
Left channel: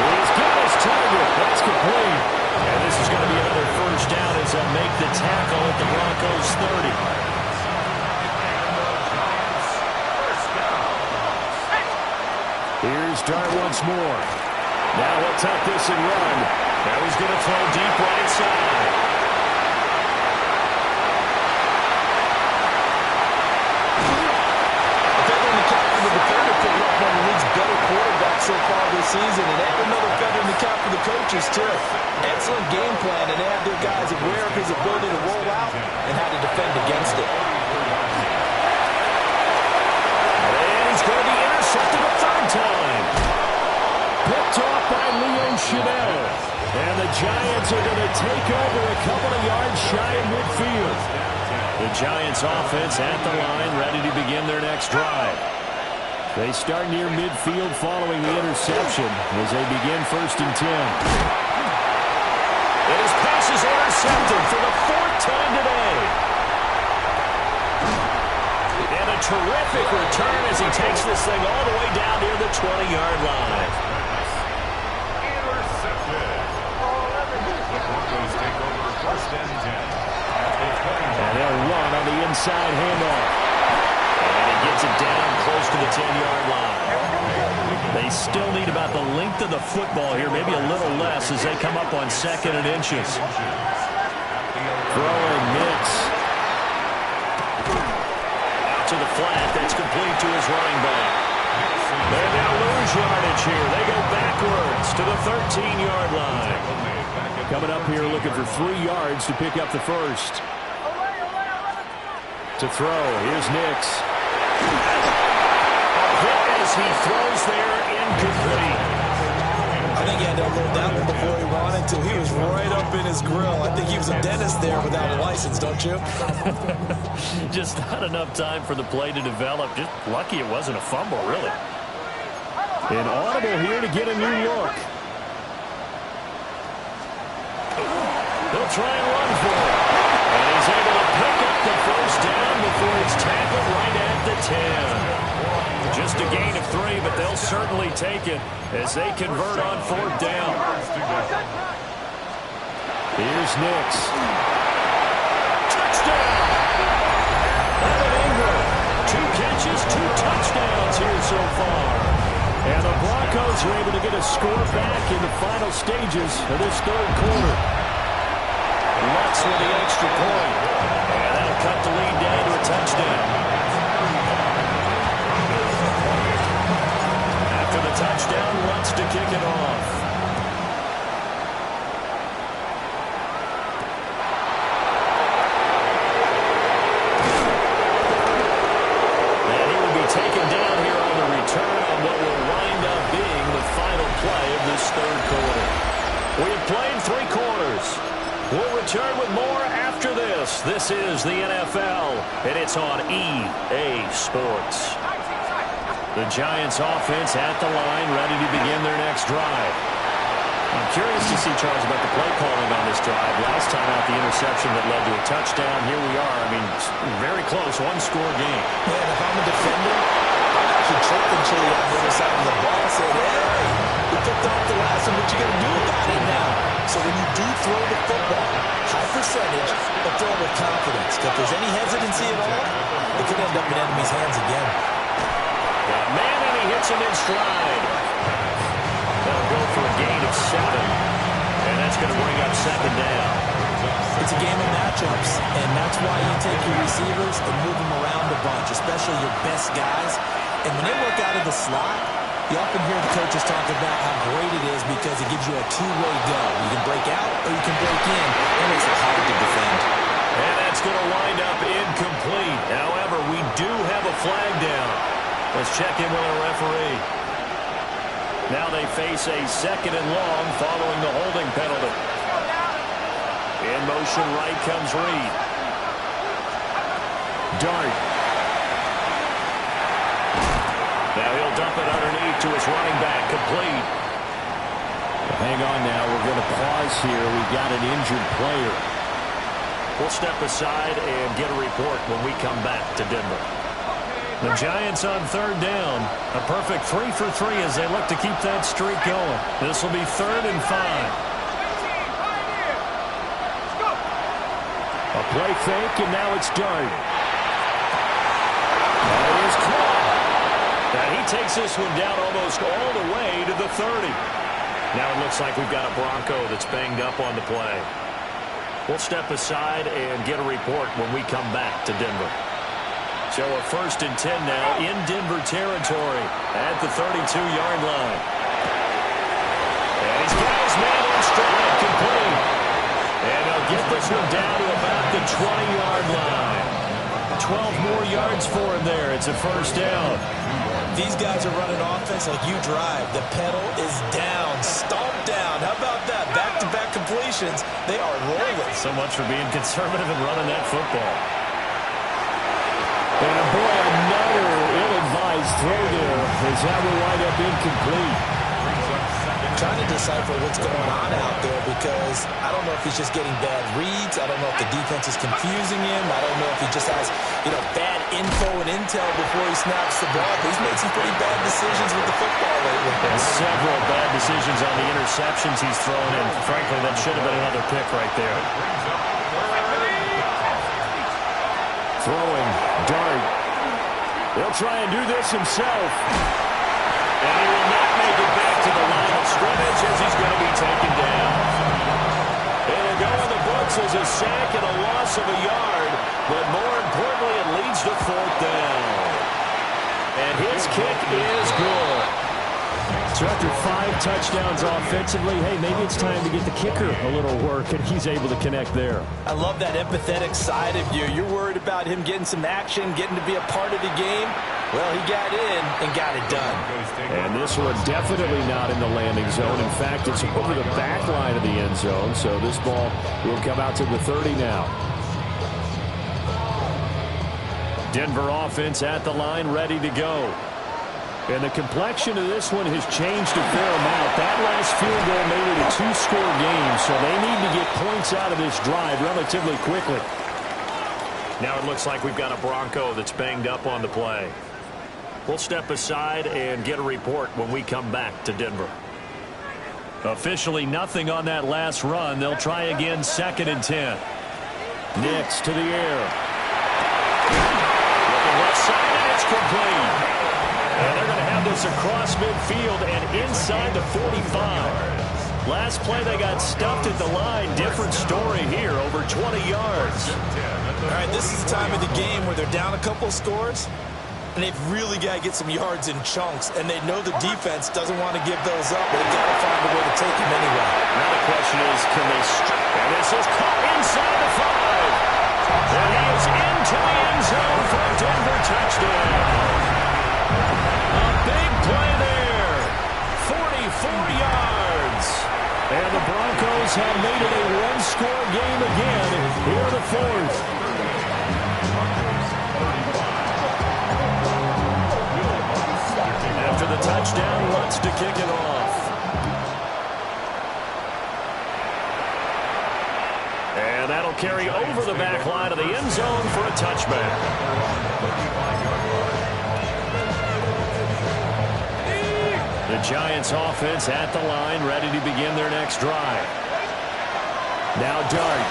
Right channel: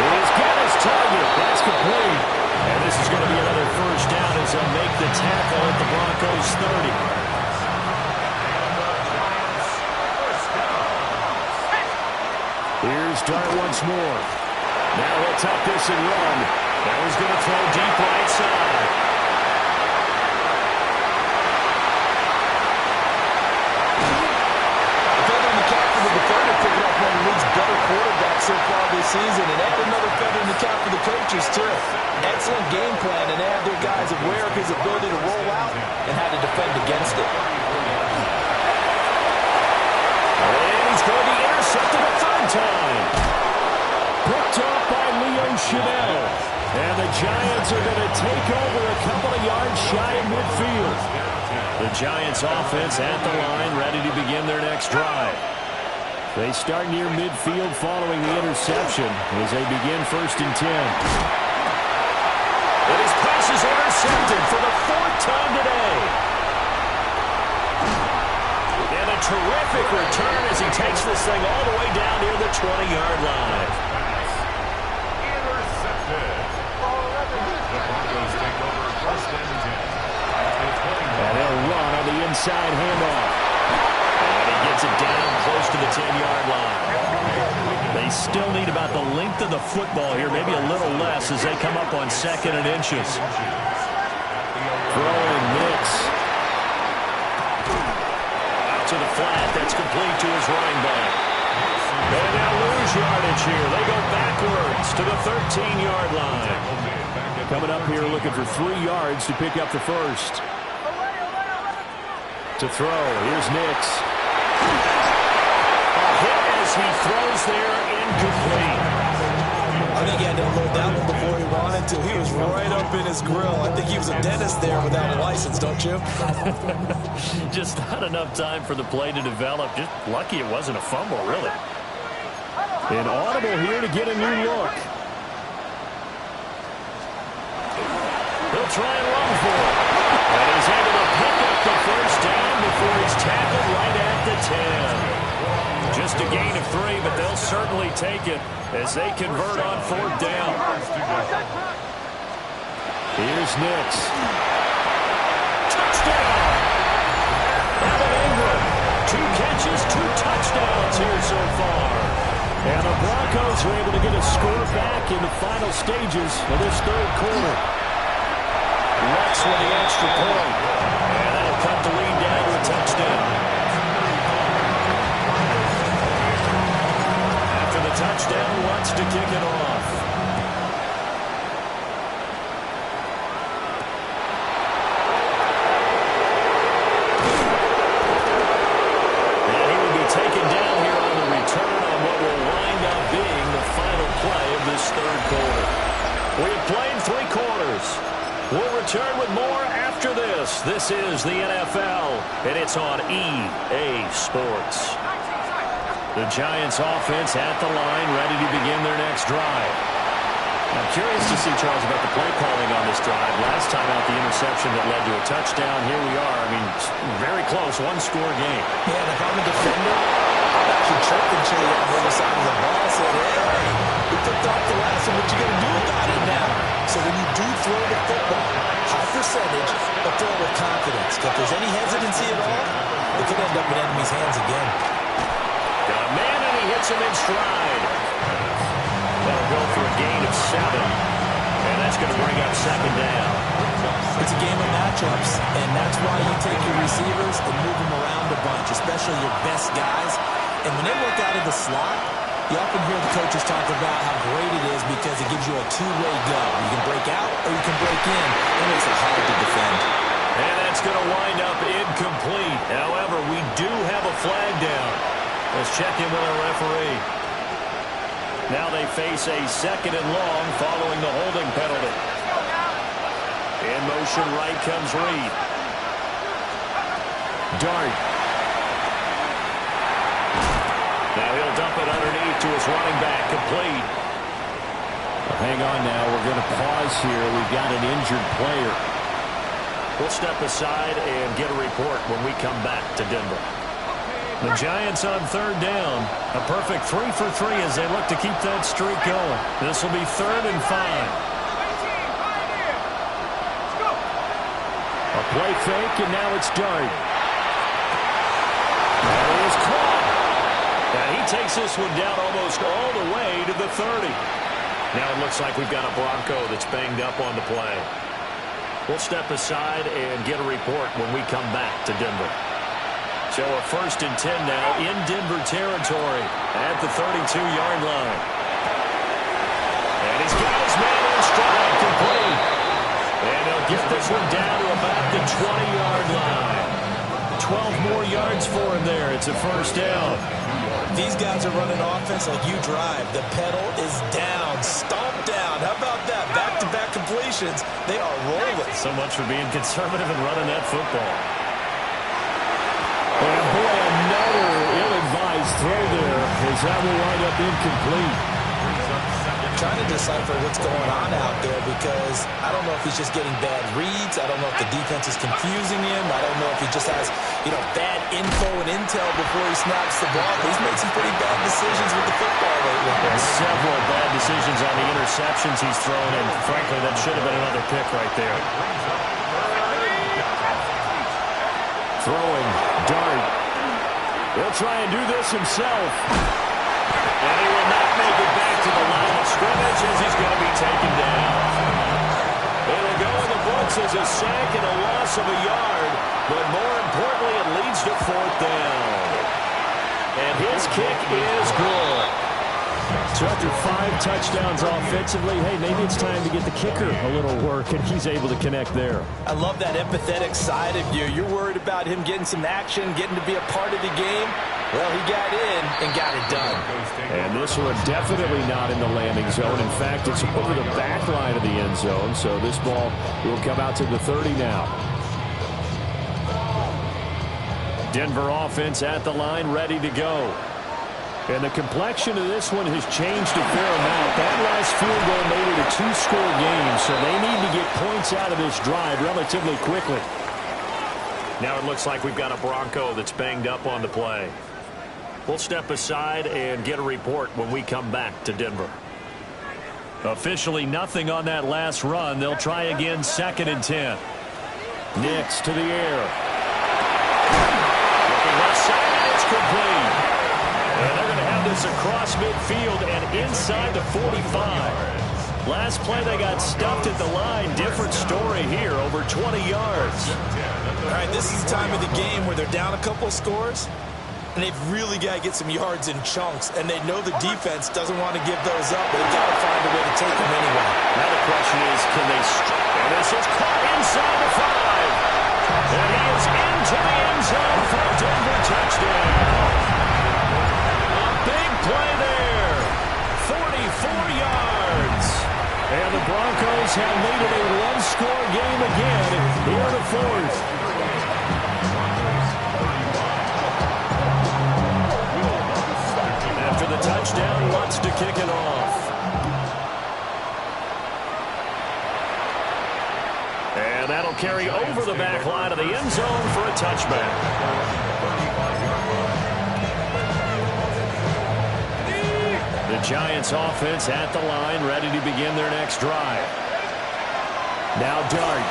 He's got his target. That's complete. And this is going to be another first down as they'll make the tackle at the Broncos' 30. Here's Dart once more. Now he'll tuck this and run. Now he's going to throw deep right side. A feather in the cap for the defender, picking up one of the league's better quarterbacks so far this season, and add another feather in the cap for the coaches, too. Excellent game plan, and they have their guys aware of his ability to roll out and how to defend against it. And he's going to be intercepted a 3rd time. Picked off by Leo Chanel. And the Giants are going to take over a couple of yards shy of midfield. The Giants offense at the line, ready to begin their next drive. They start near midfield following the interception as they begin 1st and 10. And his pass is intercepted for the 4th time today. And a terrific return as he takes this thing all the way down near the 20-yard line. Intercepted. The Broncos take over 1st and 10. And they'll run on the inside handoff. And he gets it down close to the 10-yard line. They still need about the length of the football here, maybe a little less as they come up on 2nd and inches. Throwing Nix. Out to the flat. That's complete to his running back. And they'll lose yardage here. They go backwards to the 13-yard line. Coming up here looking for 3 yards to pick up the first. To throw, here's Nix. A hit as he throws there, incomplete. I think he had to unload that one before he wanted to. He was right up in his grill. I think he was a dentist there without a license, don't you? Just not enough time for the play to develop. Just lucky it wasn't a fumble, really. An audible here to get a new look. He'll try and run for it. And he's able to pick up the first down before he's tackled right at the 10. Just a gain of 3, but they'll certainly take it as they convert on 4th down. Here's Nix. Touchdown! Evan Ingram, 2 catches, 2 touchdowns here so far. And the Broncos are able to get a score back in the final stages of this 3rd quarter. Lutz with the extra point. And that'll cut the lead down to a touchdown. After the touchdown, Lutz to kick it off. And he will be taken down here on the return on what will wind up being the final play of this 3rd quarter. We have played 3 quarters. We'll return with more after this. This is the NFL, and it's on EA Sports. The Giants offense at the line, ready to begin their next drive. I'm curious to see, Charles, about the play calling on this drive. Last time out, the interception that led to a touchdown. Here we are. I mean, very close, 1-score game. Yeah, and if I'm a defender, I'm actually chirping Chili on the other side of the ball, saying, hey, we picked off the last one. What you going to do about it now? So when you do throw the football, high percentage, but throw it with confidence. If there's any hesitancy at all, it could end up in enemy's hands again. Got a man, and he hits him in stride. That'll go for a gain of 7. And that's going to bring up 2nd down. It's a game of matchups, and that's why you take your receivers and move them around a bunch, especially your best guys. And when they work out of the slot, you often hear the coaches talk about how great it is because it gives you a 2-way go. You can break out or you can break in. That makes it hard to defend. And that's going to wind up incomplete. However, we do have a flag down. Let's check in with our referee. Now they face a 2nd and long following the holding penalty. In motion right comes Reed. Dart. Now he'll dump it underneath to his running back, complete. Well, hang on now. We're going to pause here. We've got an injured player. We'll step aside and get a report when we come back to Denver. The Giants on 3rd down. A perfect 3 for 3 as they look to keep that streak going. This will be 3rd and 5. A play fake, and now it's Dart. That is caught. And he takes this one down almost all the way to the 30. Now it looks like we've got a Bronco that's banged up on the play. We'll step aside and get a report when we come back to Denver. So a 1st and 10 now in Denver territory at the 32-yard line. And he's got his man in stride, complete. And they'll get this one down to about the 20-yard line. 12 more yards for him there. It's a 1st down. These guys are running offense like you drive. The pedal is down, stomped down. How about that? Back-to-back completions. They are rolling. So much for being conservative and running that football. And boy, another ill-advised throw there as that will wind up incomplete. Trying to decipher what's going on out there because I don't know if he's just getting bad reads. I don't know if the defense is confusing him. I don't know if he just has, bad info and intel before he snaps the ball. But he's made some pretty bad decisions with the football lately. Yeah, several bad decisions on the interceptions he's thrown, and frankly, that should have been another pick right there. Throwing, Dart. He'll try and do this himself. And he will not make it back to the line of scrimmage as he's going to be taken down. It'll go in the books as a sack and a loss of a yard, but more importantly, it leads to 4th down. And his kick is good. So after 5 touchdowns offensively, hey, maybe it's time to get the kicker a little work, and he's able to connect there. I love that empathetic side of you. You're worried about him getting some action, getting to be a part of the game. Well, he got in and got it done. And this one definitely not in the landing zone. In fact, it's over the back line of the end zone, so this ball will come out to the 30 now. Denver offense at the line, ready to go. And the complexion of this one has changed a fair amount. That last field goal made it a 2-score game, so they need to get points out of this drive relatively quickly. Now it looks like we've got a Bronco that's banged up on the play. We'll step aside and get a report when we come back to Denver. Officially nothing on that last run. They'll try again, 2nd and 10. Nix to the air. Looking left side, and it's complete. And they're going to have this across midfield and inside the 45. Last play, they got stuffed at the line. Different story here, over 20 yards. All right, this is the time of the game where they're down a couple of scores, and they've really got to get some yards in chunks, and they know the defense doesn't want to give those up, but they've got to find a way to take them anyway. Now the question is, can they... And this is caught inside the 5. And he is into the end zone for a Denver touchdown. A big play there. 44 yards. And the Broncos have made it a one-score game again here in the 4th. After the touchdown, Lutz to kick it off. And that'll carry over the back line of the end zone for a touchback. The Giants offense at the line, ready to begin their next drive. Now Dart.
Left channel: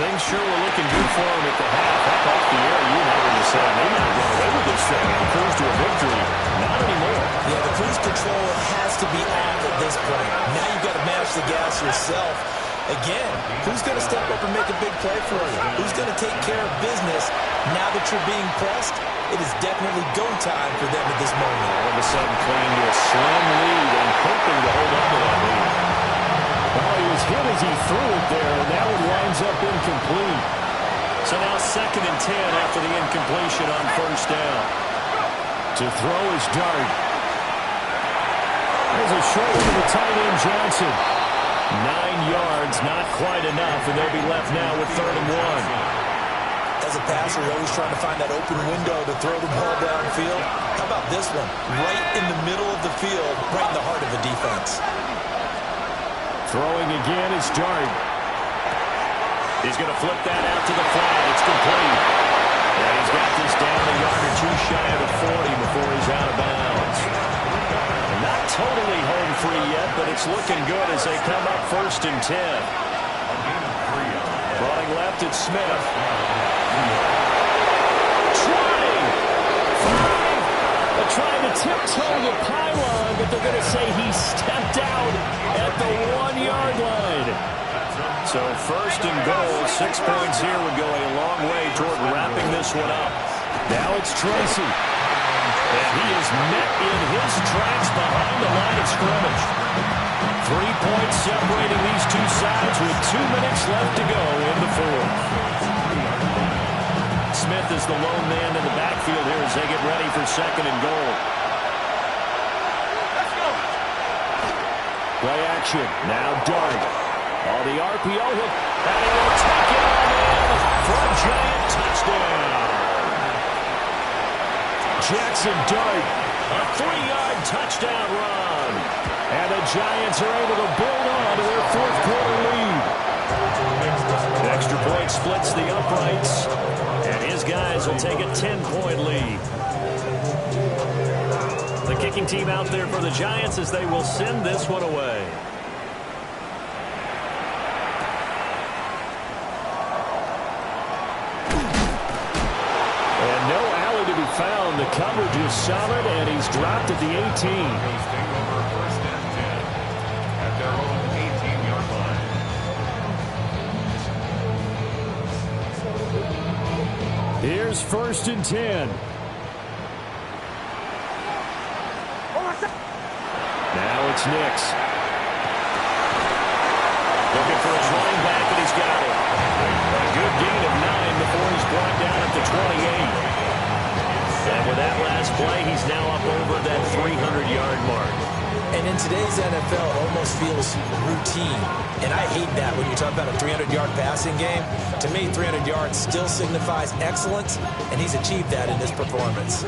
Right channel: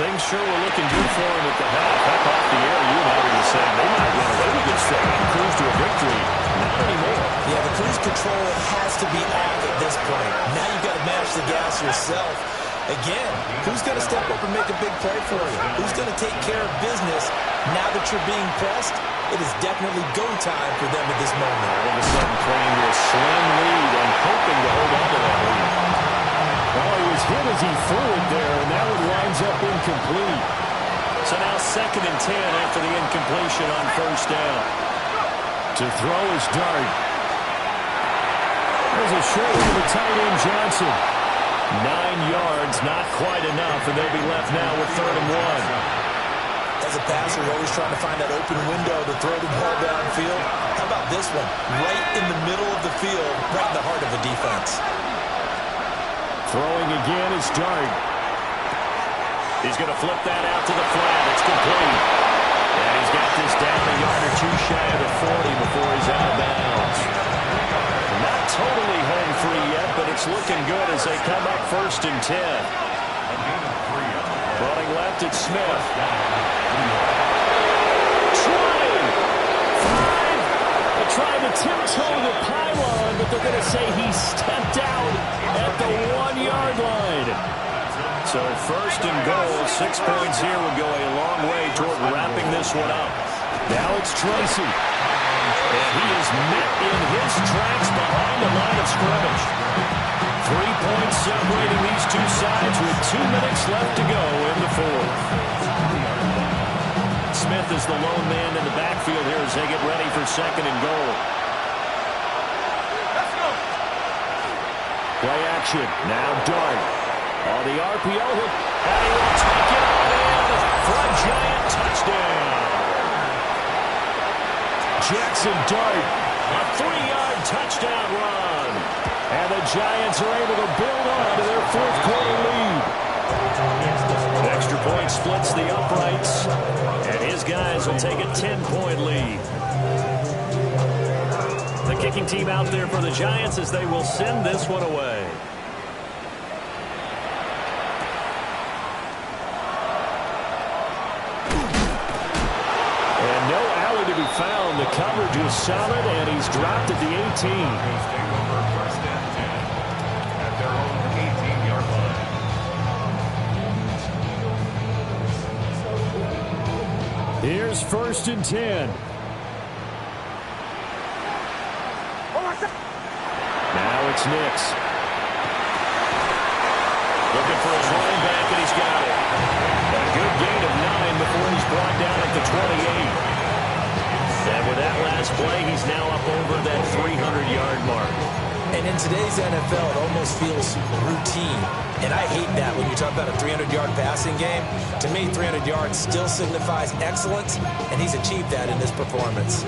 Things sure were looking good for him at the half. Heck, off the air, you and I were just saying they might run away with this thing and cruise to a victory. Not anymore. Yeah, the cruise control has to be off at this point. Now you've got to mash the gas yourself. Again, who's going to step up and make a big play for you? Who's going to take care of business now that you're being pressed? It is definitely go time for them at this moment. All of a sudden playing to a slim lead and hoping to hold on to that lead. Oh, he was hit as he threw it there, and that one winds up incomplete. So now 2nd and 10 after the incompletion on 1st down. To throw is Dart. There's a short one to the tight end, Johnson. 9 yards, not quite enough, and they'll be left now with 3rd and 1. As a passer, you're always trying to find that open window to throw the ball downfield. How about this one? Right in the middle of the field, right in the heart of a defense. Throwing again is Dart. He's going to flip that out to the flat. It's complete. And he's got this down a yard or two shy of the 40 before he's out of bounds. Not totally home free yet, but it's looking good as they come up 1st and 10. Running left, it's Smith. 20. 5. They're trying to tiptoe the pylon, but they're going to say he stepped out at the 1-yard line. So 1st and goal, 6 points here would go a long way toward wrapping this one up. Now it's Tracy. And he is met in his tracks behind the line of scrimmage. 3 points separating these two sides with 2 minutes left to go in the 4th. Smith is the lone man in the backfield here as they get ready for 2nd and goal. Let's go. Play action. Now Dart. On the RPO, and he will take it on in for a Giant touchdown. Jackson Dart. A 3-yard touchdown run. And the Giants are able to build on to their 4th quarter lead. Extra point splits the uprights, and his guys will take a 10-point lead. The kicking team out there for the Giants as they will send this one away. And no alley to be found. The coverage is solid, and he's dropped at the 18. Take over 1st and 10 at their own 18-yard line. Here's 1st and 10. Now it's Nix. Looking for his running back, and he's got it. A good gain of 9 before he's brought down at the 28. And with that last play, he's now up over that 300-yard mark. And in today's NFL, it almost feels routine. And I hate that when you talk about a 300-yard passing game. To me, 300 yards still signifies excellence, and he's achieved that in this performance.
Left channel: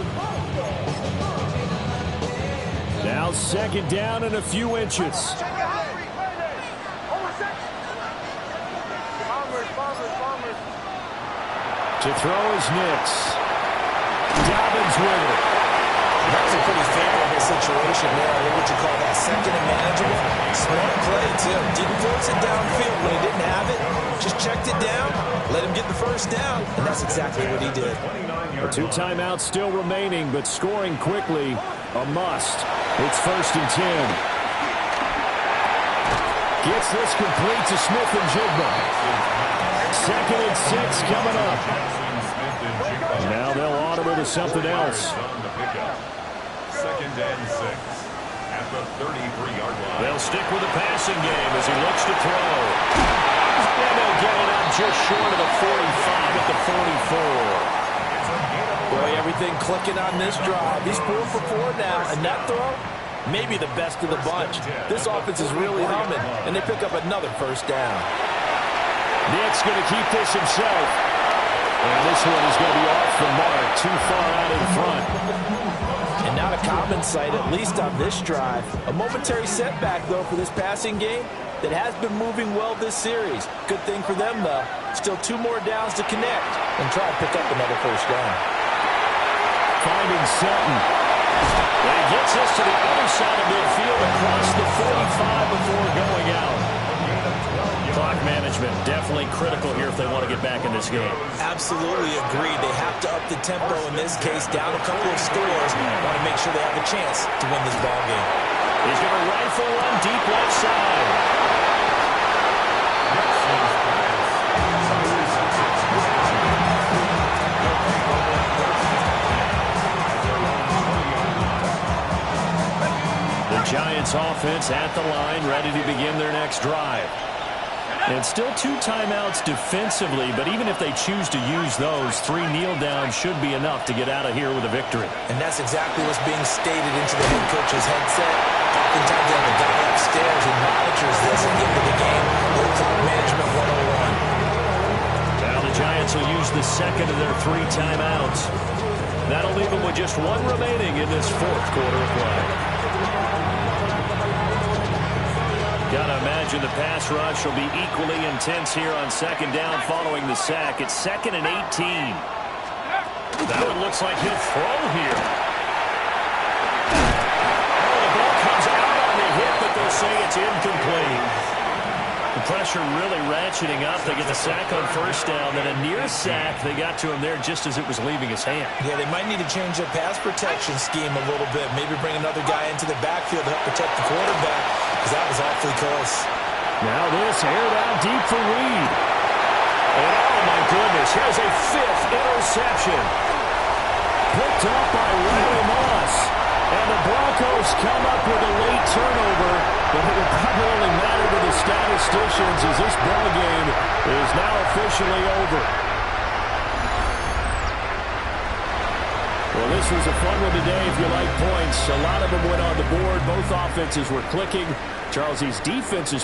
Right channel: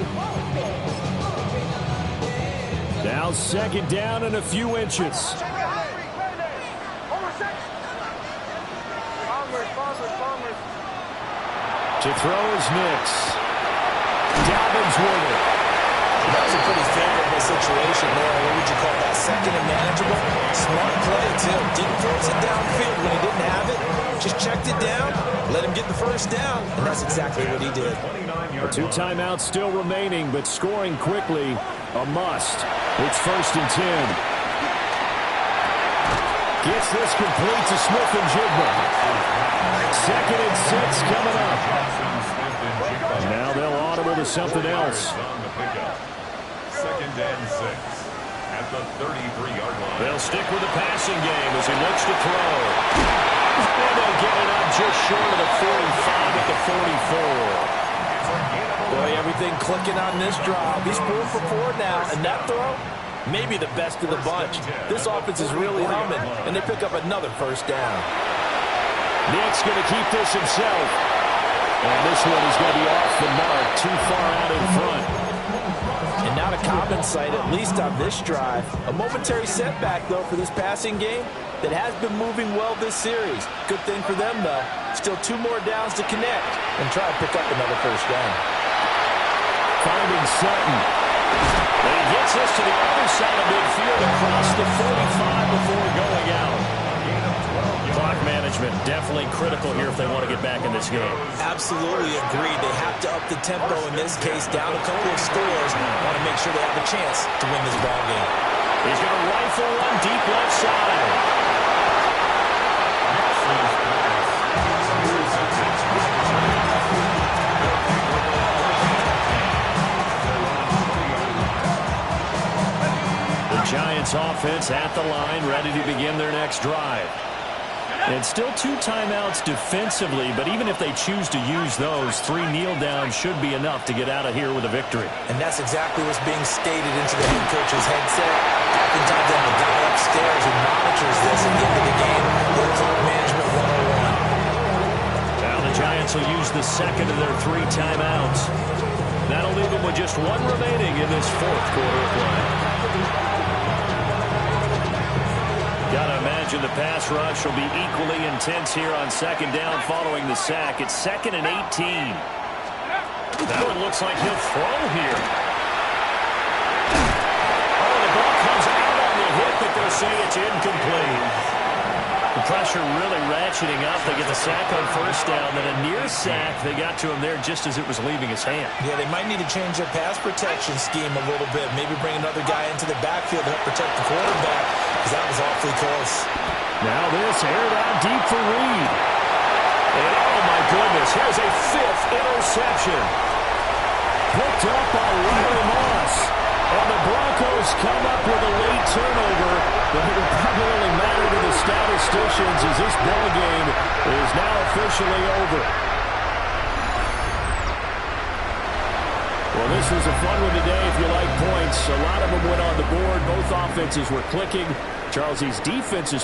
Now 2nd down and a few inches. To throw is Nix. Dobbins with it. situation there. What would you call that? Second and manageable? Smart play, too. Didn't force it downfield when he didn't have it. Just checked it down, let him get the first down, and that's exactly what he did. 2 timeouts still remaining, but scoring quickly, a must. It's 1st and 10. Gets this complete to Smith-Njigba. 2nd and 6 coming up. Now they'll audible to something else. 2nd and 6 at the 33-yard line. They'll stick with the passing game as he looks to throw. And they'll get it up just short of the 45 at the 44. Boy, everything clicking on this drive. He's 4 for 4 now, and that throw, maybe the best of the bunch. This offense is really humming, and they pick up another first down. Nick's going to keep this himself. And this one is going to be off the mark, too far out in front. And not a common sight, at least on this drive. A momentary setback, though, for this passing game that has been moving well this series. Good thing for them, though. Still 2 more downs to connect and try to pick up another first down. Finding Sutton. And he gets this to the other side of midfield across the 45 before going out. Clock management definitely critical here if they want to get back in this game. Absolutely agreed. They have to up the tempo in this case, down a couple of scores. Want to make sure they have a chance to win this ball game. He's going to rifle one deep left side. The Giants offense at the line, ready to begin their next drive. And still 2 timeouts defensively, but even if they choose to use those, 3 kneel downs should be enough to get out of here with a victory. And that's exactly what's being stated into the head coach's headset. Oftentimes they have a guy upstairs who monitors this at the end of the game. Little clock management 101. Now the Giants will use the second of their 3 timeouts. That'll leave them with just 1 remaining in this 4th quarter of play. Got to imagine the pass rush will be equally intense here on 2nd down following the sack. It's 2nd and 18. That one looks like he'll throw here. Oh, the ball comes out on the hit, but they'll say it's incomplete. The pressure really ratcheting up. They get the sack on 1st down, then a near sack. They got to him there just as it was leaving his hand. Yeah, they might need to change their pass protection scheme a little bit. Maybe bring another guy into the backfield to help protect the quarterback, because that was awfully close. Now this aired out deep for Reed. And oh my goodness, here's a 5th interception. Picked up by Riley Moss. And the Broncos come up with a late turnover, but it will probably only matter to the statisticians as this ball game is now officially over. Well, this was a fun one today if you like points. A lot of them went on the board. Both offenses were clicking. Charles, these defenses